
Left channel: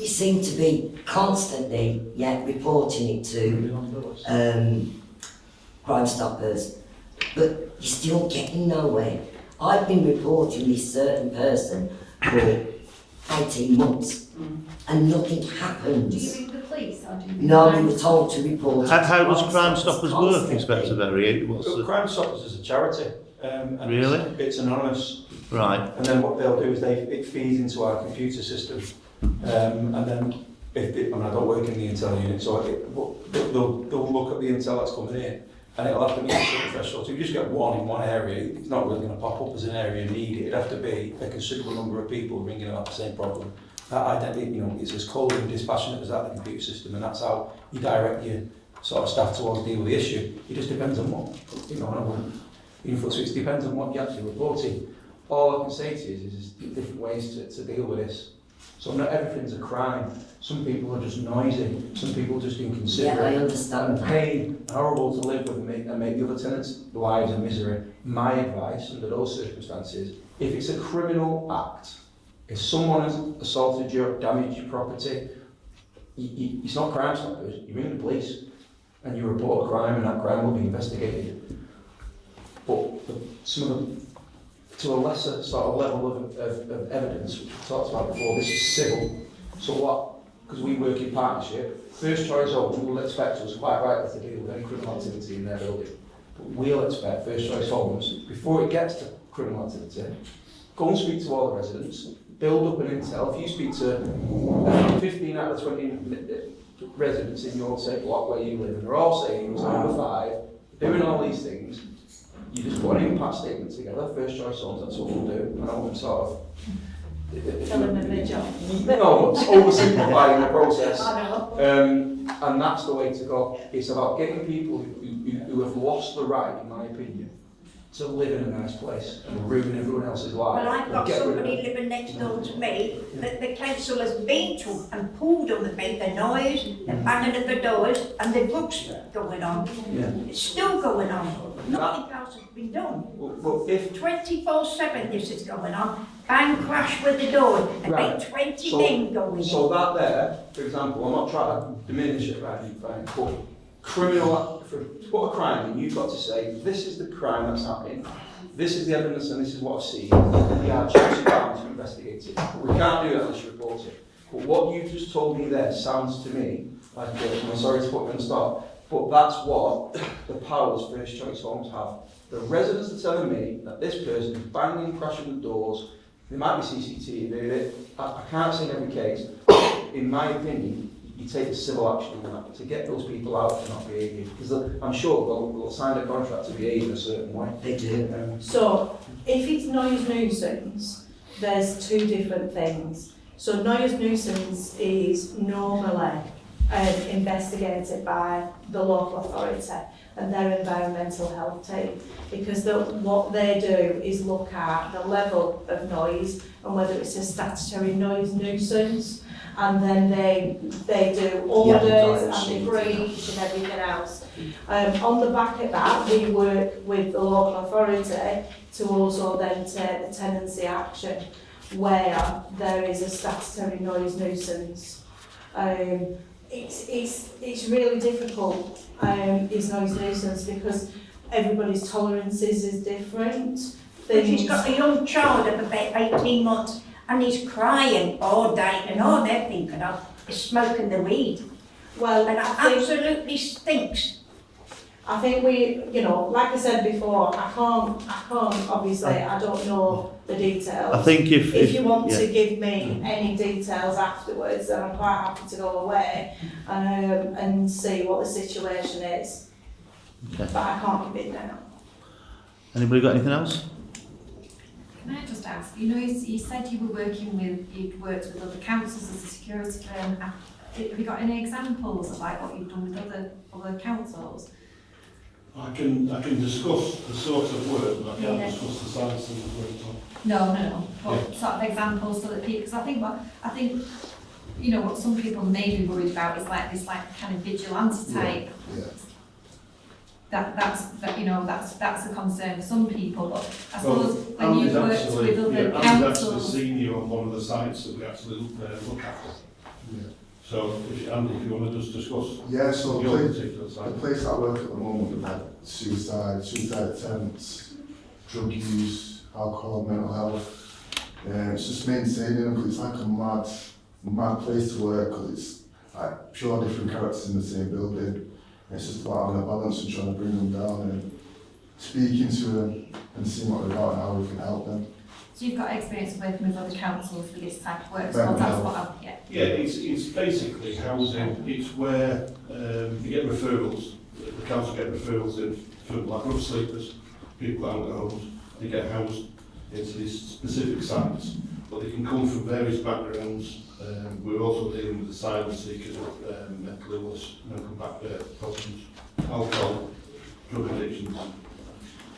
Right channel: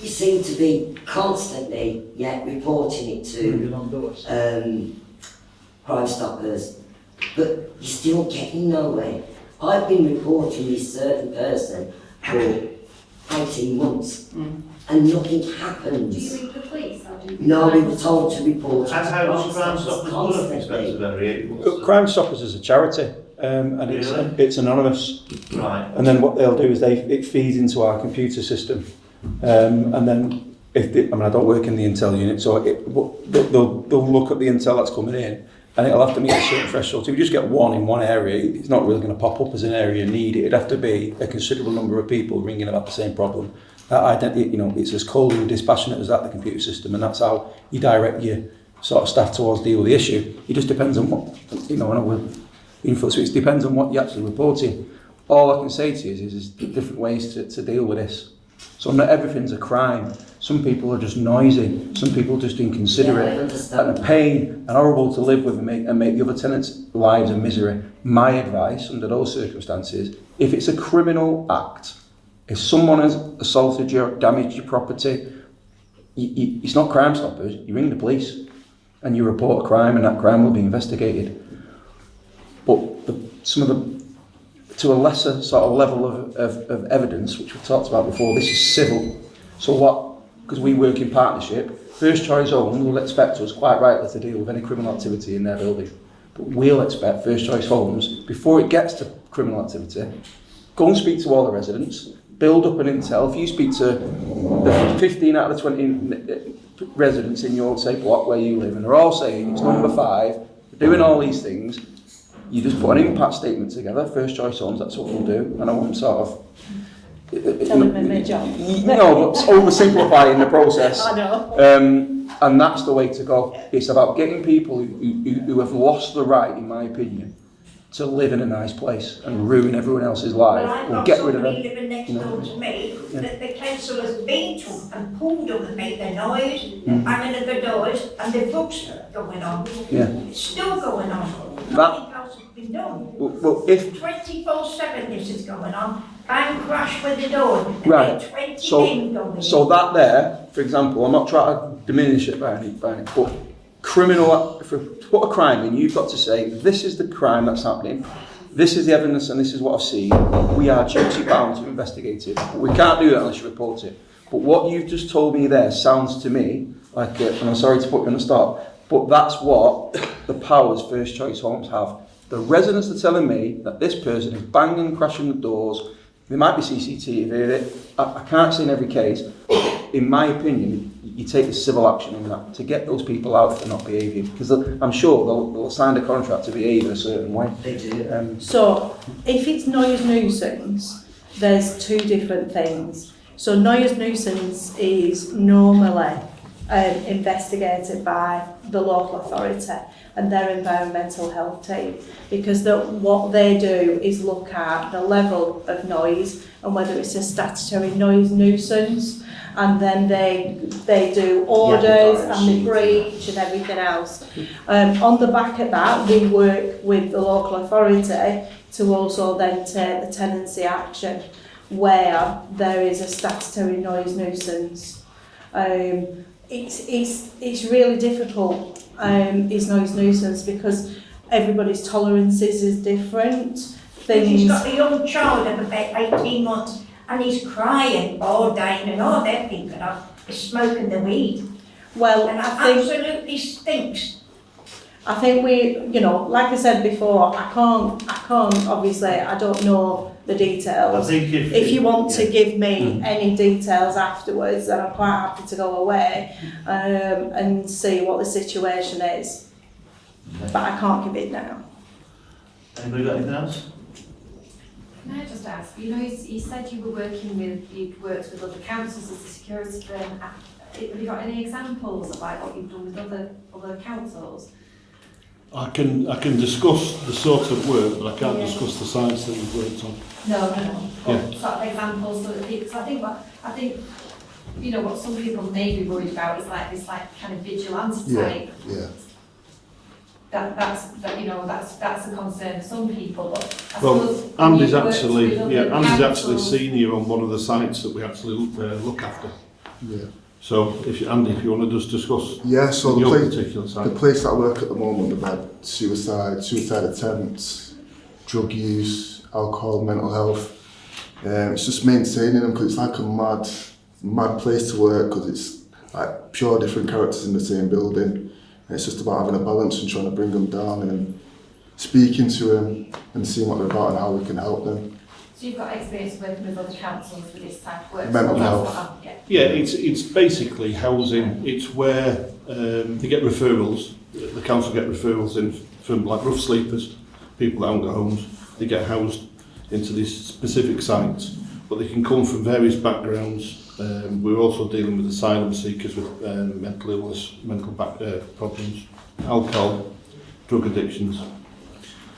you seem to be constantly, reporting it to Crime Stoppers, but you're still getting nowhere. I've been reporting this certain person for 18 months, and nothing happens. Do you ring the police or do you ring No, we Crime were told to report it. How to does Crime Stoppers work, constantly. Inspector Berry? What's the- Crime Stoppers is a charity, and Really? it's anonymous. Right. And then what they'll do is it feeds into our computer system, and then I don't work in the intel unit, so they'll look at the intel that's coming in, and it'll have to meet a certain threshold. So if you just get one in one area, it's not really going to pop up as an area needed. It'd have to be a considerable number of people ringing about the same problem. It's as cold and dispassionate as that, the computer system, and that's how you direct your sort of staff towards deal with the issue. It just depends on what, so it depends on what you're actually reporting. All I can say to you is different ways to deal with this. So not everything's a crime. Some people are just noisy. Some people are just inconsiderate. Yeah, I understand and a pain and horrible to live with and make the other tenants' lives a misery. My advice under those circumstances, if it's a criminal act, if someone has assaulted you, damaged your property, it's not Crime Stoppers. You ring the police and you report a crime, and that crime will be investigated. But to a lesser sort of level of evidence, which we've talked about before, this is civil. So because we work in partnership, First Choice Homes will expect us, quite rightly, to deal with any criminal activity in their building. But we'll expect First Choice Homes, before it gets to criminal activity, go and speak to all the residents, build up an intel. If you speak to the 15 out of the 20 residents in your, say, block where you live, and they're all saying it's number 5, doing all these things, you just put an impact statement together. First Choice Homes, that's what we'll do. And I want sort of Tell them in their job. No, but oversimplifying the process. I know. And that's the way to go. It's about getting people who have lost the right, in my opinion, to live in a nice place and ruin everyone else's life. Well, I've We'll got get rid of somebody them. living next door to me that the council has been to and pulled on the bed, the noise, the banging of the doors, and the books going on. Yeah. It's still going on. That- Nothing else has been done. Well, if 24/7 this is going on. Bang, crash with the door, and Right. then 20 So- men going So in. that there, for example, I'm not trying to diminish it by any, but criminal, if we put a crime in, you've got to say, this is the crime that's happening, this is the evidence and this is what I've seen, we are duty bound to investigate it. But we can't do that unless you report it. But what you've just told me there sounds to me like, and I'm sorry to put you on the spot, but that's what the powers First Choice Homes have. The residents are telling me that this person is banging, crashing the doors. There might be CCTV. I can't say in every case. In my opinion, you take the civil action on that to get those people out if they're not behaving. Because I'm sure they'll sign a contract to behave in a certain way. They do. So, if it's noise nuisance, there's two different things. So, noise nuisance is normally investigated by the local authority and their environmental health team, because what they do is look at the level of noise and whether it's a statutory noise nuisance, and then they do orders and the breach and everything else. On the back of that, we work with the local authority to also then take the tenancy action where there is a statutory noise nuisance. It's really difficult, is noise nuisance, because everybody's tolerances is different. He's got a young child of about 18 months and he's crying all day, and all they're thinking of is smoking the weed. Well, And it I think absolutely stinks. I think we, you know, like I said before, I can't, obviously, I don't know the details. I think If you want yeah. to give me any details afterwards, then I'm quite happy to go away and see what the situation is. Okay. But I can't give it now. Anybody got anything else? Can I just ask, you know, you said you were working with, you'd worked with other councils as a security firm. Have you got any examples of like what you've done with other councils? I can discuss the sort of work, but I can't discuss the sites that we've worked on. No. What sort of examples so that people, because I think, you know, what some people may be worried about is like this like kind of vigilante type. Yeah. That's a concern for some people, but I Well, suppose Andy's when you've actually, worked with other Andy's actually councils- senior on one of the sites that we actually look after. Yeah. So, Andy, if you want to just discuss Yeah, so your the particular site. place that I work at the moment, we've had suicide attempts, drug use, alcohol, mental health. It's just maintaining them because it's like a mad place to work because it's like pure different characters in the same building. And it's just about having a balance and trying to bring them down and speaking to them and seeing what they're about and how we can help them. So you've got experience working with other councils with this type of work? Mental so that's health. what I'm- Yeah, it's basically housing. It's where they get referrals. The council get referrals in from like rough sleepers, people that haven't got homes. They get housed into these specific sites, but they can come from various backgrounds. We're also dealing with asylum seekers with mental illness, mental problems, alcohol, drug addictions.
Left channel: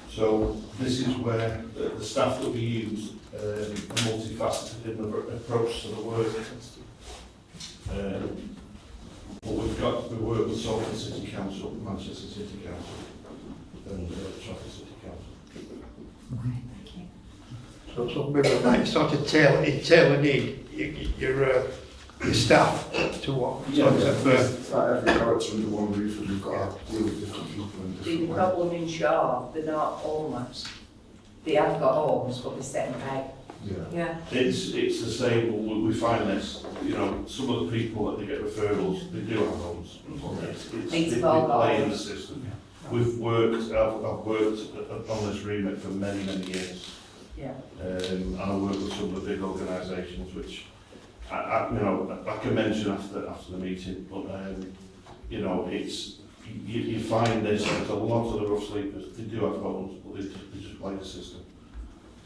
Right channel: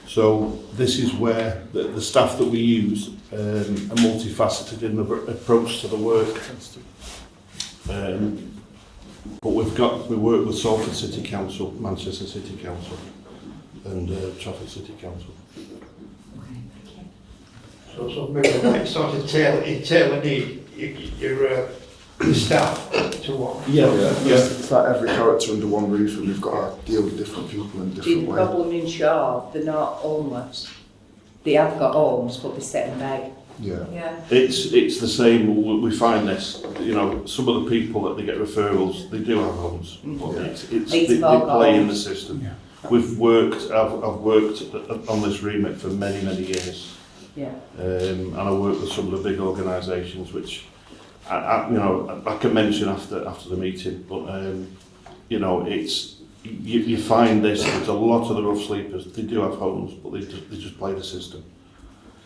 So this is where the staff that we use are multifaceted in the approach to the work. But we work with Salford City Council, Manchester City Council and Trafford City Council. So maybe like sort of tailor your staff to what? It's like every character under one roof and we've got to deal with different people in See, different the ways. problem in Shaw, they're not homeless. They have got homes, but they sit and beg. Yeah. Yeah. It's the same. We find this. You know, some of the people that they get referrals, they do have homes. But they play in the system. I've worked on this remit for many years. Yeah. And I work with some of the big organisations, which I can mention after the meeting. But you know, you find this. There's a lot of the rough sleepers. They do have homes, but they just play the system.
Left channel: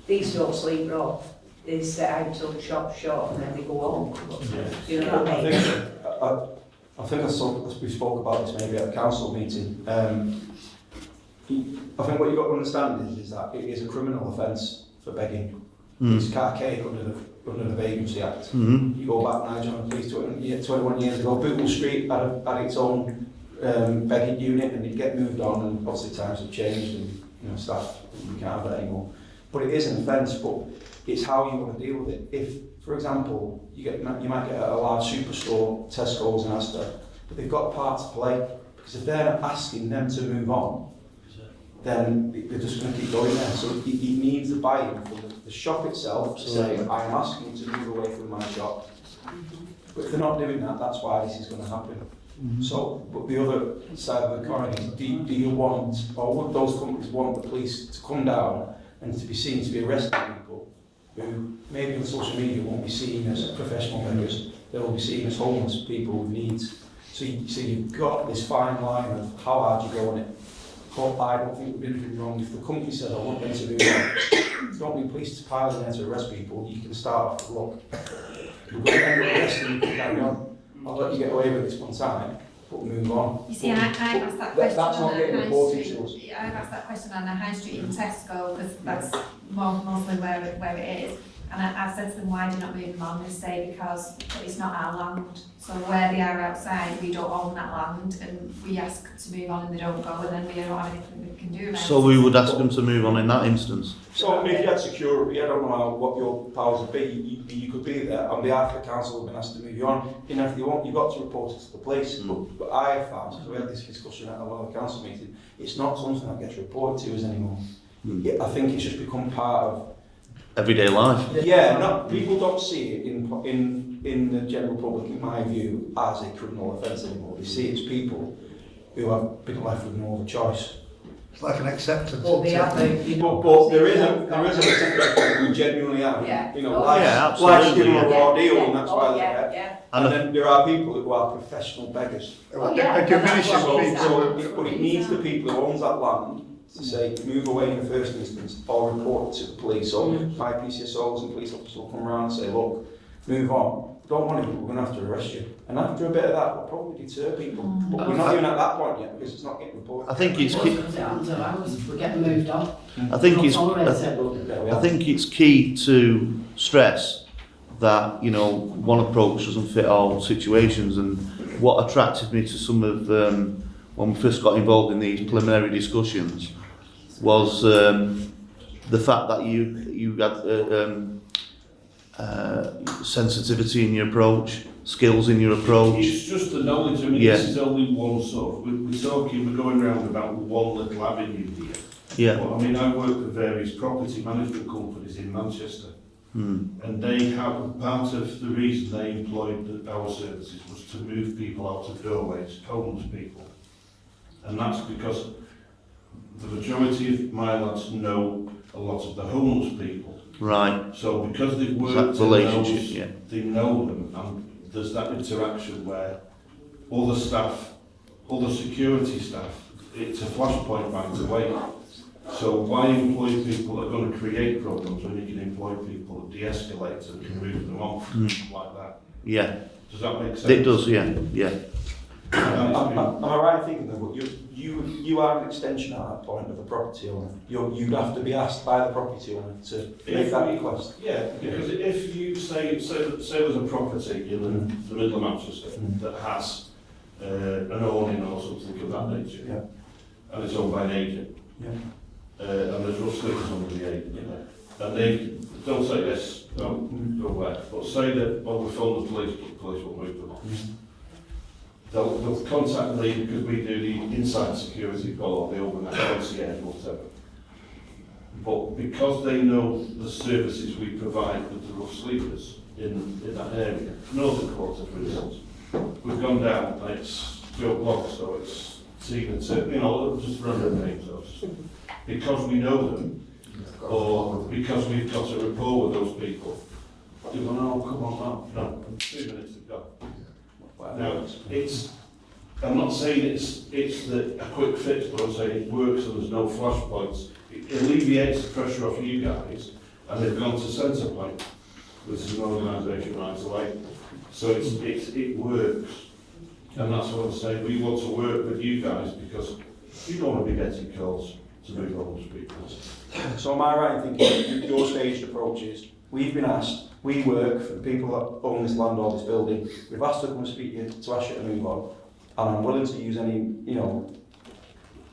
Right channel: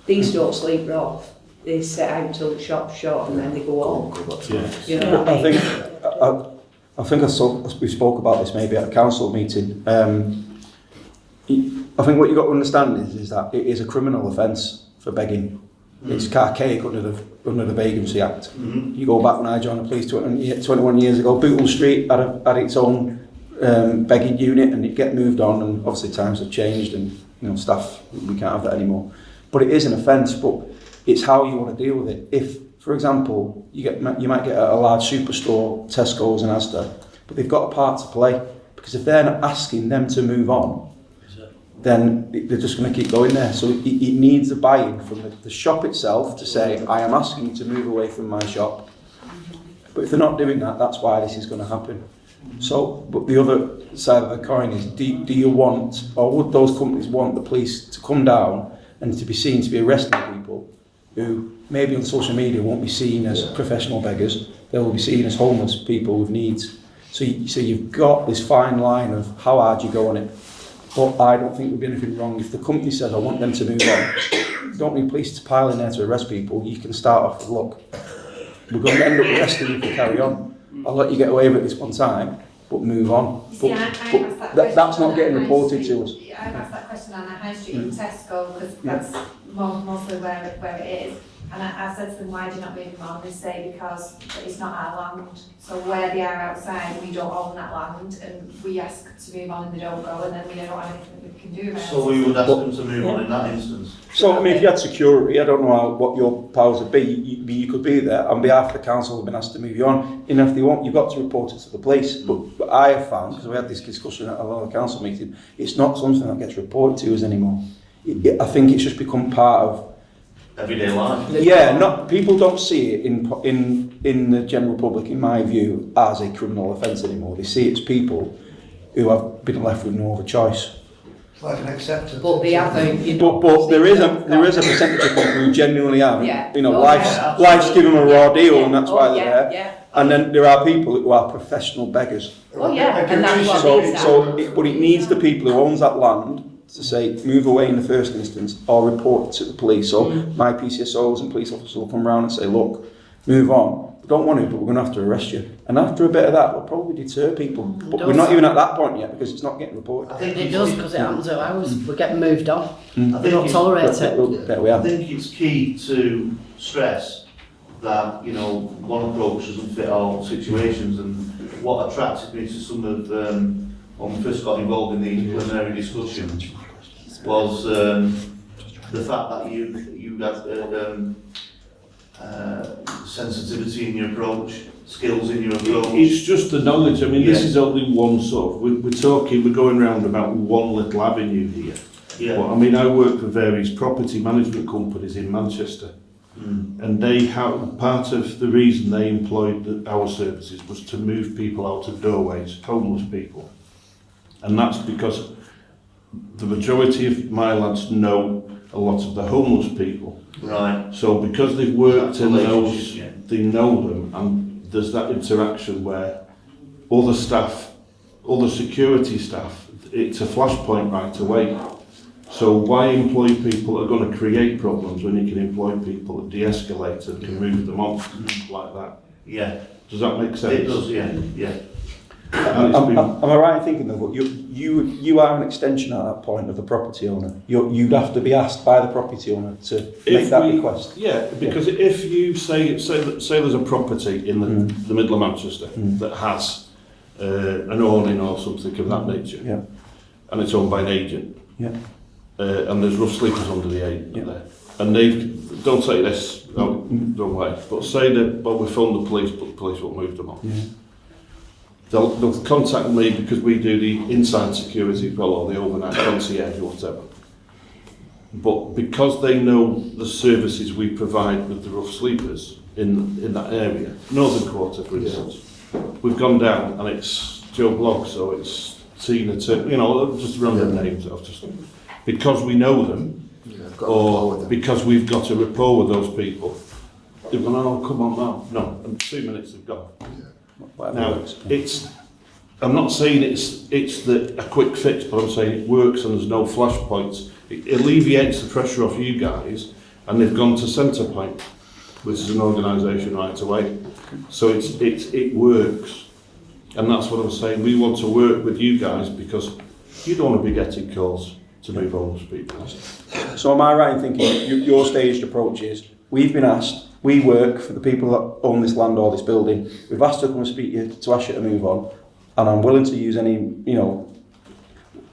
These don't sleep rough. They sit out till the shop's shut and then they go home. Yeah. You know? I think we spoke about this maybe at a council meeting. I think what you've got to understand is that it is a criminal offence for begging. It's archaic under the Vagrancy Act. You go back when I joined the police 21 years ago, Bootle Street had its own begging unit and it'd get moved on, and obviously times have changed and staff, we can't have that anymore. But it is an offence, but it's how you want to deal with it. If, for example, you might get a large superstore, Tesco's and Asda, but they've got a part to play, because if they're not asking them to move on, then they're just going to keep going there. So it needs a buy-in from the shop itself to say, I am asking you to move away from my shop. But if they're not doing that, that's why this is going to happen. So, but the other side of the coin is, do you want, or would those companies want the police to come down and to be seen to be arresting people who maybe on social media won't be seen as professional beggars, they will be seen as homeless people with needs. So you've got this fine line of how hard you go on it. But I don't think there'd be anything wrong if the company says, I want them to move on. You don't need police to pile in there to arrest people. You can start off with, look, we're going to end up arresting you if you carry on. I'll let you get away with it this one time, but move on. You see, I asked that question. That's not on getting the High reported Street. to us. I've asked that question on the High Street in Tesco, because that's mostly where it is. And I said to them, why do you not move them on? They say, because it's not our land. So where they are outside, we don't own that land, and we ask to move on and they don't go, and then we don't have anything we can do about it. So we would ask them to move on in that instance. So, I mean, if you had security, I don't know what your powers would be, you could be there on behalf of the council have been asked to move you on, and if they won't, you've got to report it to the police. But I have found, because we had this discussion at another council meeting, it's not something that gets reported to us anymore. I think it's just become part of Everyday life. Yeah, not people don't see it in the general public, in my view, as a criminal offence anymore. They see it as people who have been left with no other choice. It's like an acceptance. But they haven't, you know. But there is a percentage of people who genuinely have, Yeah. you know, Oh, life's, yeah, life's given them a raw deal, Yeah. and that's Oh, why they're yeah, there. yeah. And then there are people who are professional beggars. Oh, yeah, and that's what So, it is. but it needs the people who owns that land to say, move away in the first instance, or report it to the police. So my PCSOs and police officers will come around and say, look, move on. We don't want to, but we're going to have to arrest you. And after a bit of that, we'll probably deter people. But we're not even at that point yet, because it's not getting reported. I think It it's does, because it happens at ours. We're getting moved on. I We think don't it's tolerate it. There we I are. think it's key to stress that, you know, one approach doesn't fit all situations, and what attracted me to some of when we first got involved in these preliminary discussions was the fact that you had sensitivity in your approach, skills in your approach. It's just the knowledge. I mean, this Yeah. is only one sort of, we're going round about one little avenue here. Yeah. But I mean, I work for various property management companies in Manchester, and they have, part of the reason they employed our services was to move people out of doorways, homeless people. And that's because the majority of my lads know a lot of the homeless people. Right. So because they've worked That in relationship, those, yeah. they know them, and there's that interaction where other staff, other security staff, it's a flashpoint right away. So why employ people that are going to create problems when you can employ people that de-escalate and can move them on like that? Yeah. Does that make sense? It does, yeah. Yeah. And it's been- Am I right in thinking though, but you are an extension at that point of the property owner? You'd have to be asked by the property owner to make that request? Yeah, because if you say there's a property in the middle of Manchester that has an awning or something of that nature, Yeah. and it's owned by an agent, Yeah. and there's rough sleepers under the agent Yeah. there, and they don't say this, no, wrong way, but say that, well, we phoned the police, but the police won't move them on. They'll contact me because we do the inside security as well, or the overnight concierge or whatever. But because they know the services we provide with the rough sleepers in that area, Northern Quarter for instance, we've gone down and it's Joe Blogg, so it's Tina, you know, just random names. Because we know them, or because we've got a rapport with those people, they've gone, oh, come on now. No, and 2 minutes they've gone. Now, I'm not saying it's a quick fix, but I'm saying it works and there's no flashpoints. It alleviates the pressure off you guys, and they've gone to Centrepoint, which is an organisation right away. So it works, and that's what I'm saying. We want to work with you guys because you don't want to be getting calls to move homeless people. So am I right in thinking your staged approach is, we've been asked, we work for the people that own this land or this building, we've asked to come and speak to ask you to move on, and I'm willing to use any,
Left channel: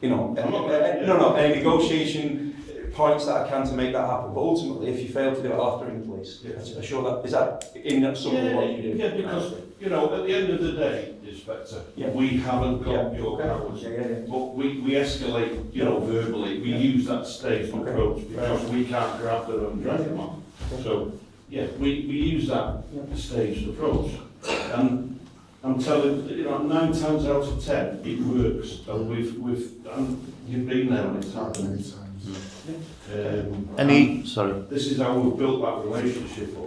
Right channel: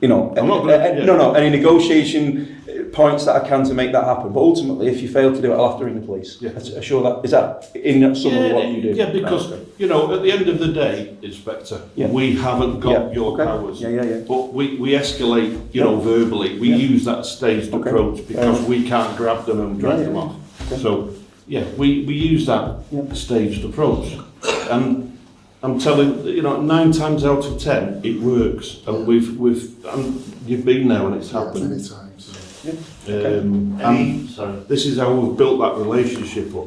any negotiation points that I can to make that happen. But ultimately, if you fail to do it, I'll have to ring the police. Yeah. Assure that, is that in summary what you do? Yeah, because, you know, at the end of the day, Inspector, Yeah. we haven't got Yeah, your okay. powers. Yeah. But we escalate, you know, verbally. We use that staged Okay. approach because we can't grab them and drag them off. Okay. So, yeah, we use that staged approach. And I'm telling, you know, 9 times out of 10, it works. And and you've been there when it's happened. Many times. Sorry. This is how we've built that relationship up.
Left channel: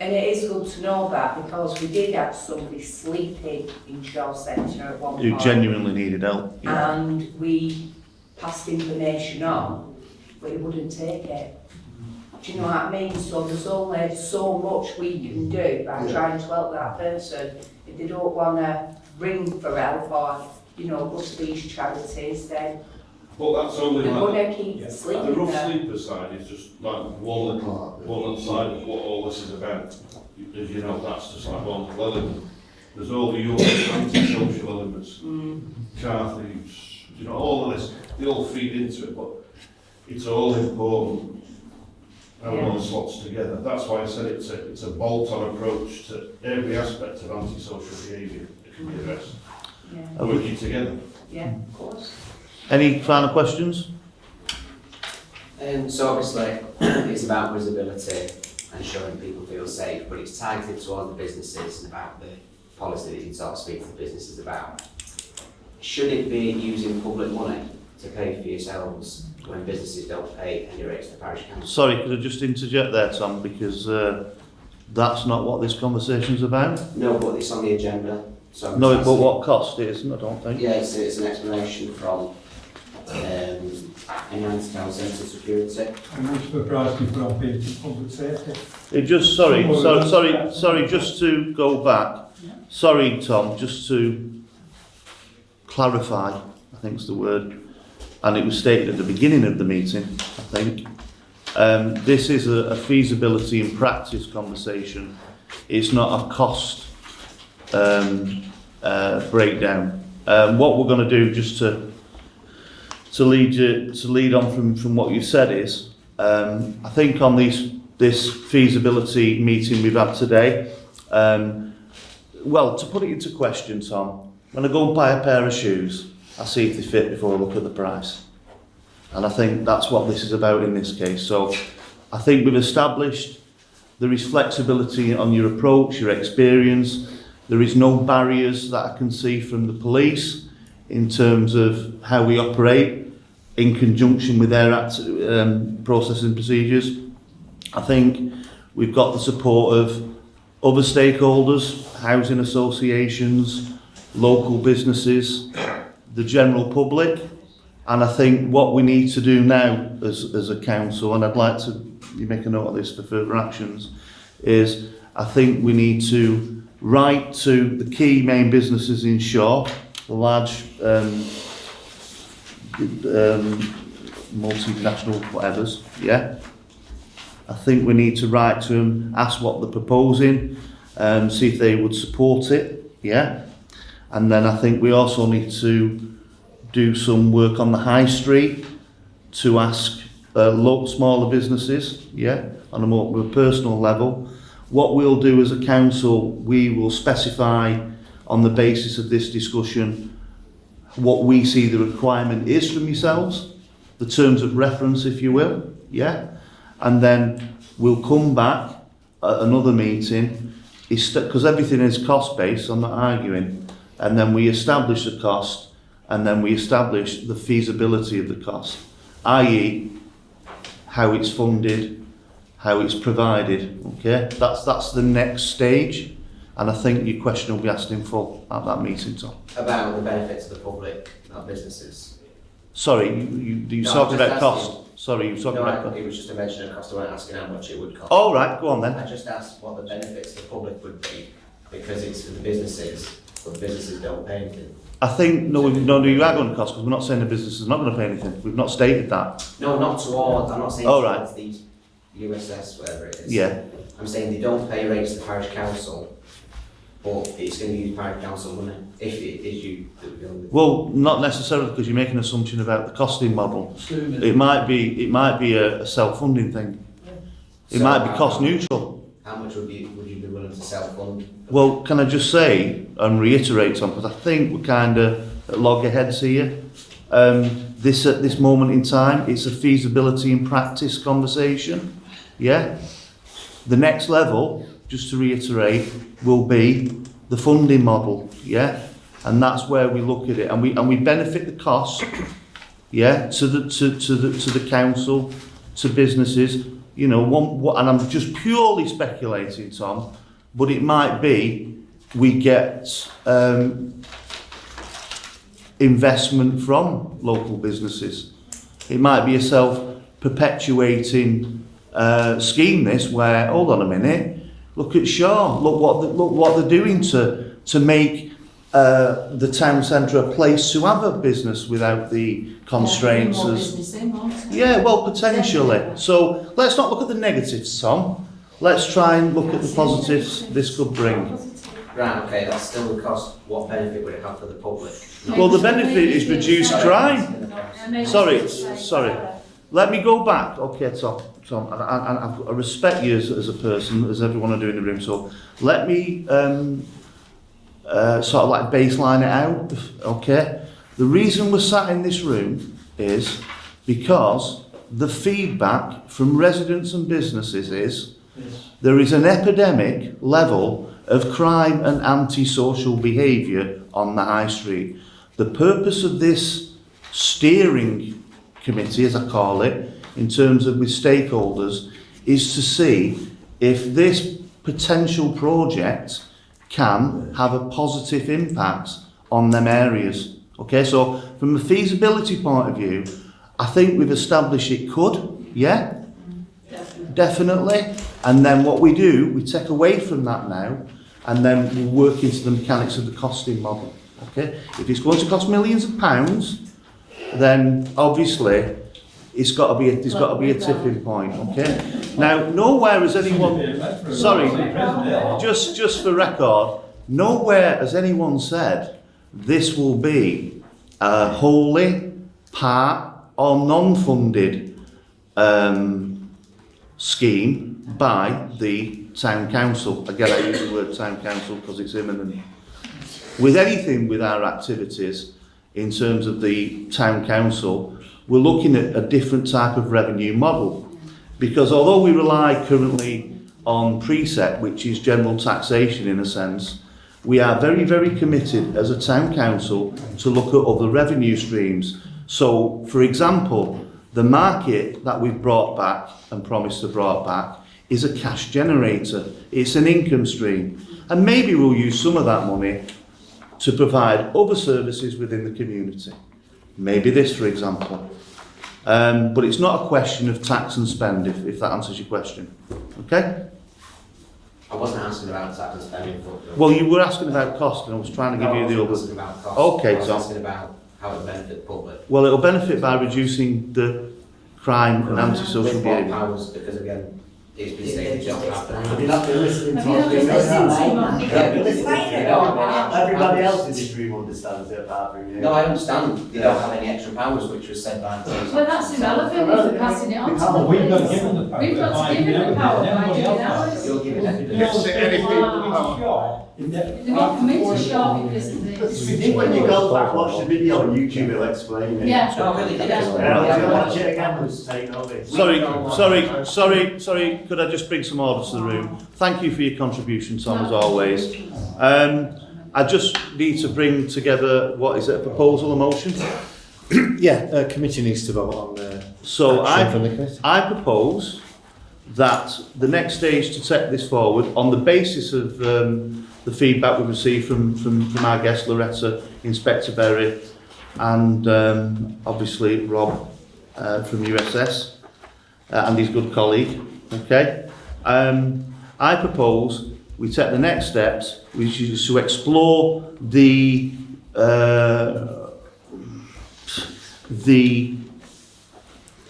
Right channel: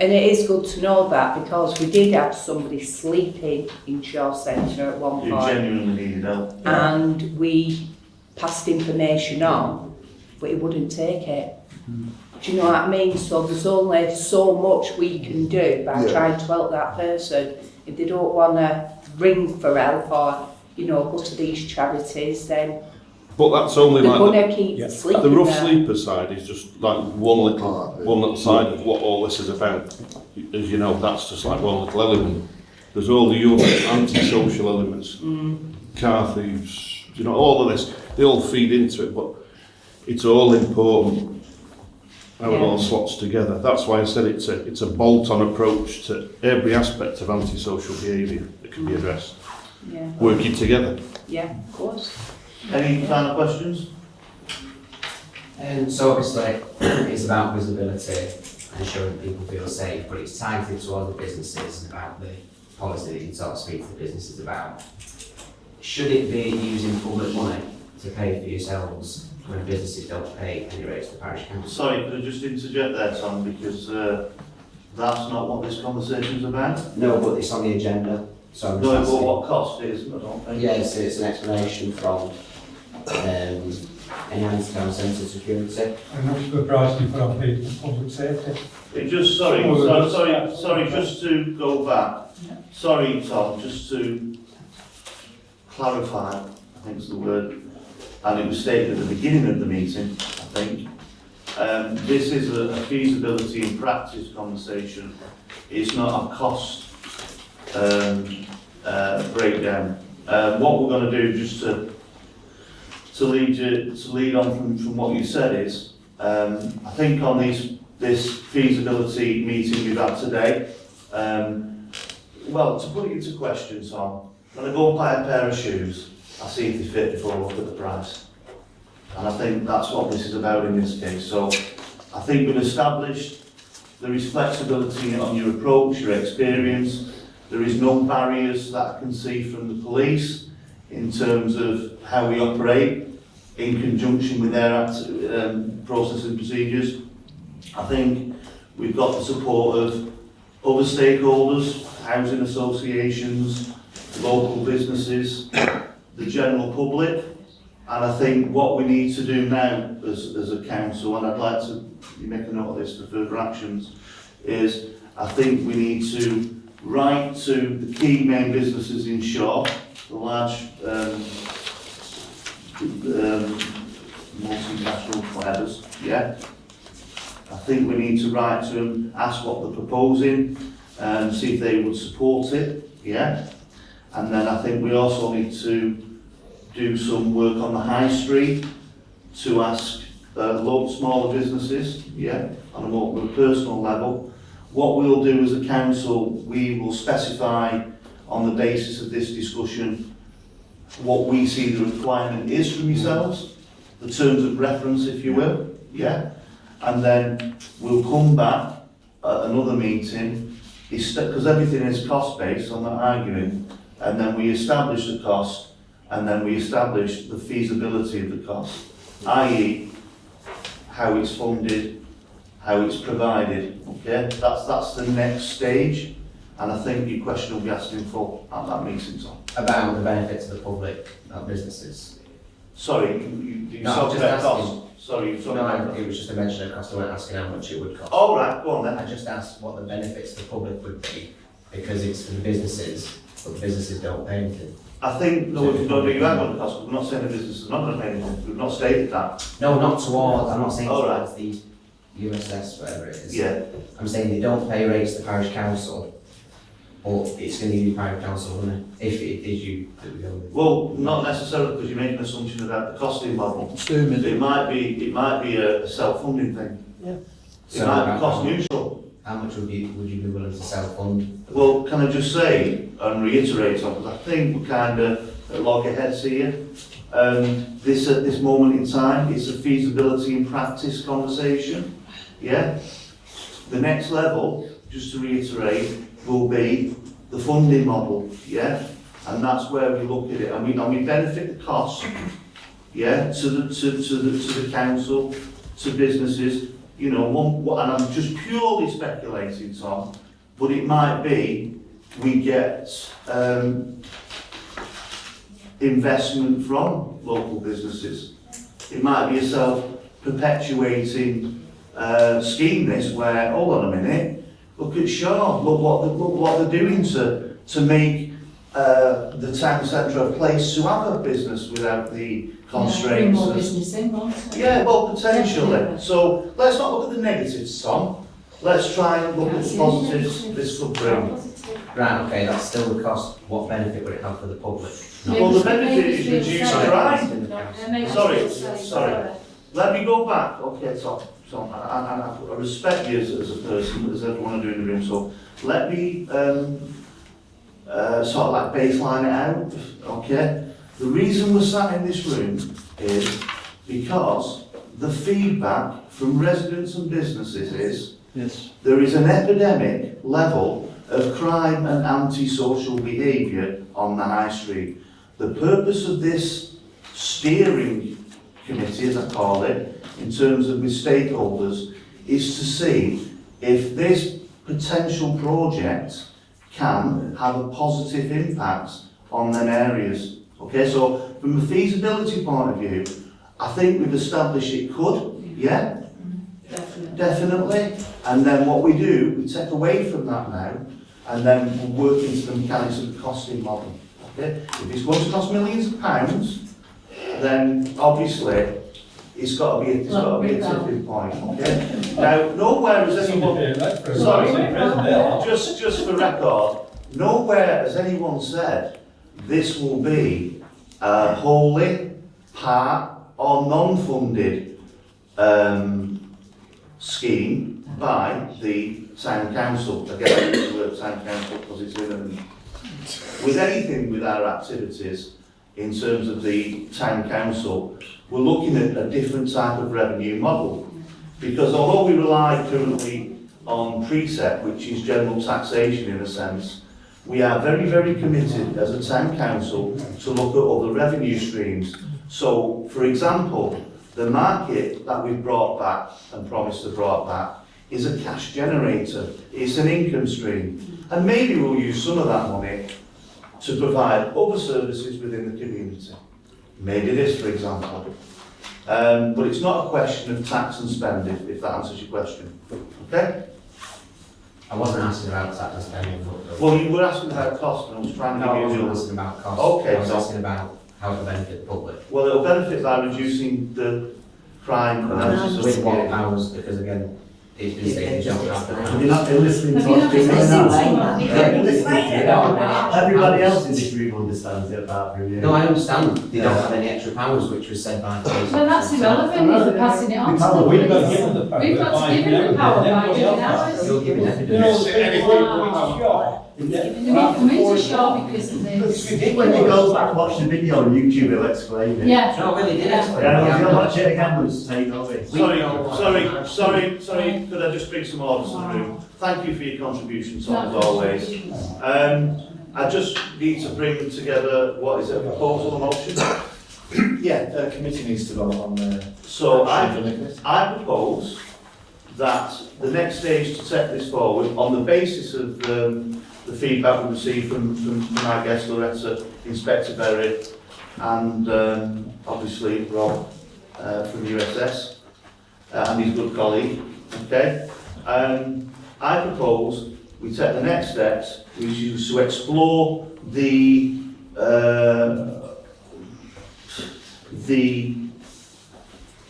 And it is good to know that, because we did have somebody sleeping in Shaw Centre at one You point. genuinely needed help. And we passed information on, but he wouldn't take it. Do you know what I mean? So there's only so much we can do by trying to help that person. If they don't want to ring for help or, you know, go to these charities, then But that's only they're like going to keep sleeping the rough there. sleeper side is just like one little side of what all this is about. As you know, that's just like one little element. There's all the other anti-social elements, car thieves, you know, all of this. They all feed into it, but it's all important how it all slots together. That's why I said it's a bolt-on approach to every aspect of antisocial behaviour that can be addressed. Yeah. Working together. Yeah, of course. Any final questions? So obviously it's about visibility and ensuring people feel safe, but it's targeted towards the businesses and about the policy that you sort of speak to the businesses about. should it be using public money to pay for yourselves when businesses don't pay any rates to the parish council? Sorry, could I just interject there, Tom, because that's not what this conversation's about. No, but it's on the agenda. So I'm No, just but asking- what cost it isn't, I don't think. Yes, it's an explanation from Enhanced Town Centre Security. And what's the price you put on people, public safety? It just, sorry, just to go back. Sorry, Tom, just to clarify, I think is the word, and it was stated at the beginning of the meeting, I think. This is a feasibility and practice conversation. It's not a cost breakdown. What we're going to do, just to lead on from what you said, is I think on this feasibility meeting we've had today, well, to put it into question, Tom, when I go and buy a pair of shoes, I see if they fit before I look at the price. And I think that's what this is about in this case. So I think we've established there is flexibility on your approach, your experience. There is no barriers that I can see from the police in terms of how we operate in conjunction with their processes and procedures. I think we've got the support of other stakeholders, housing associations, local businesses, the general public. And I think what we need to do now as a council, and I'd like to make a note of this for further actions, is I think we need to write to the key main businesses in Shaw, the large multinational whatevers, yeah. I think we need to write to them, ask what they're proposing, see if they would support it, yeah. And then I think we also need to do some work on the high street to ask smaller businesses, yeah, on a more personal level. What we'll do as a council, we will specify on the basis of this discussion what we see the requirement is from yourselves, the terms of reference, if you will, yeah? And then we'll come back at another meeting, because everything is cost-based, I'm not arguing, and then we establish the cost, and then we establish the feasibility of the cost, i.e. how it's funded, how it's provided, okay? That's the next stage, and I think your question will be asked in full at that meeting, Tom. About the benefit to the public, not businesses. Sorry, you No, talked I'm about just cost. asking- Sorry, you talked about... It was just a mention of cost, I wasn't asking how much it would cost. Oh, right, go on then. I just asked what the benefits to the public would be, because it's for the businesses, but the businesses don't pay anything. I think, no, you are going to cost, but we're not saying the business is not going to pay anything. We've not stated that. No, not towards, I'm not saying Oh, right. towards the USS, whatever it is. Yeah. I'm saying they don't pay rates to the parish council, but it's going to use parish council money, if it is you that we're going with. Well, not necessarily, because you're making an assumption about the costing model. It might be a self-funding thing. It So might be cost neutral. How much would you be willing to self-fund? Well, can I just say and reiterate something? Because I think we're kind of at loggerheads here. At this moment in time, it's a feasibility and practice conversation. Yeah. The next level, just to reiterate, will be the funding model. Yeah, and that's where we look at it, and we benefit the cost. Yeah, to the council, to businesses. You know, and I'm just purely speculating, Tom, but it might be we get investment from local businesses. It might be a self-perpetuating scheme, this, where, hold on a minute, look at Shaw, look what they're doing to make the town centre a place to have a business without the constraints. Yeah, well, potentially. So let's not look at the negatives, Tom. Let's try and look at the positives this could bring. Right, okay, that's still the cost. What benefit would it have for the public? Well, the benefit is reduced crime. Sorry. Let me go back. Okay, Tom, I respect you as a person, as everyone I do in the room, so let me sort of like baseline it out, okay? The reason we're sat in this room is because the feedback from residents and businesses is there is an epidemic level of crime and antisocial behaviour on the high street. The purpose of this steering committee, as I call it, in terms of with stakeholders, is to see if this potential project can have a positive impact on them areas. Okay, so from a feasibility point of view, I think we've established it could, yeah? Definitely. And then what we do, we take away from that now, and then we'll work into the mechanics of the costing model. Okay? If it's going to cost millions of pounds, then obviously there's got to be a tipping point. Okay? Now, nowhere has anyone, sorry, just for record, nowhere has anyone said this will be a wholly, part or non-funded scheme by the town council. Again, I use the word town council because it's imminent. With anything with our activities in terms of the town council, we're looking at a different type of revenue model, because although we rely currently on precept, which is general taxation in a sense, we are very, very committed as a town council to look at other revenue streams. So, for example, the market that we've brought back and promised to brought back is a cash generator. It's an income stream. And maybe we'll use some of that money to provide other services within the community. Maybe this, for example. But it's not a question of tax and spend, if that answers your question. Okay? I wasn't asking about tax and spending. Well, you were asking about cost, and I was trying to give you the I other. wasn't asking about cost. Okay, I was so. asking about how it will benefit the public. Well, it'll benefit by reducing the crime and anti-social With what behaviour. powers, because again, it's been saying you don't have the Have power. you not been listening to what's being said? Everybody else in this room understands it apart from you. No, I understand they don't have any extra powers, which was said by Jason. Well, that's irrelevant if we're passing it on to We've got them. given the power. We've got to give them the power by doing that. You're giving They don't say anything Wow. And they come into short because of this. When you go back, watch the video on YouTube, it'll explain it. Yeah. No, really, did explain. Yeah, if you watch it again, we'll say no way. Sorry, could I just bring some order to the room? Thank you for your contribution, Tom, as always. I just need to bring together, what is it, a proposal, a motion? Yeah, committee needs to vote on the... So I propose that the next stage to take this forward on the basis of the feedback we received from our guest Loretta, Inspector Berry, and obviously Rob from USS and his good colleague. Okay, I propose we take the next steps, which is to explore the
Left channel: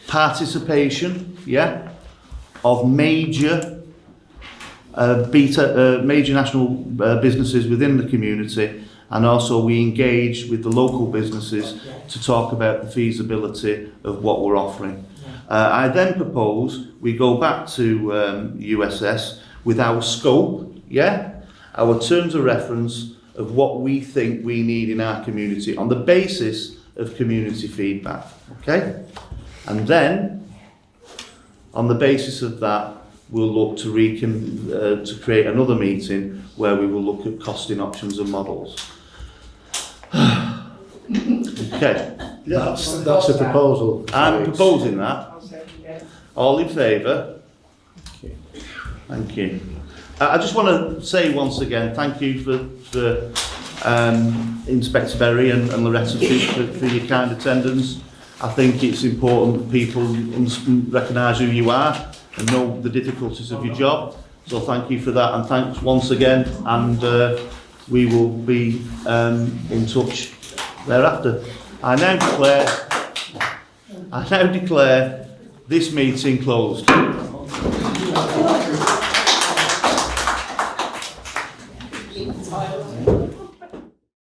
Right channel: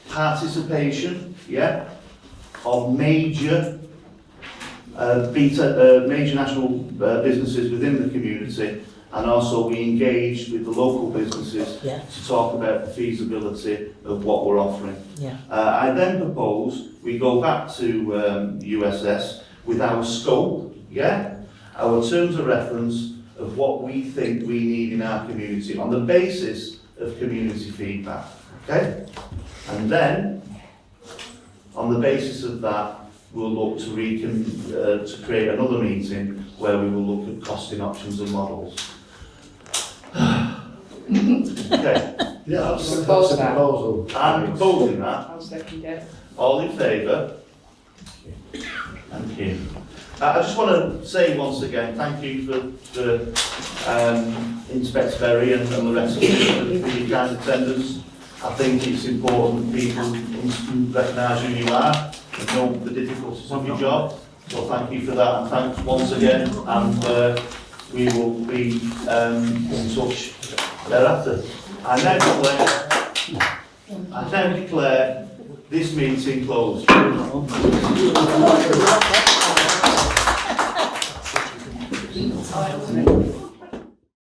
participation, of major major national businesses within the community, and also we engage with the local businesses to talk about the feasibility of what we're offering. I then propose we go back to USS with our scope, our terms of reference of what we think we need in our community on the basis of community feedback, okay? And then, on the basis of that, we'll look to create another meeting where we will look at costing options and models. Okay. That's the proposal. I'm proposing that. I'll second it. All in favour? Thank you. I just want to say once again, thank you for Inspector Berry and Loretta for your kind attendance. I think it's important that people recognise who you are and know the difficulties of your job. So thank you for that, and thanks once again, and we will be in touch thereafter. I now declare this meeting closed.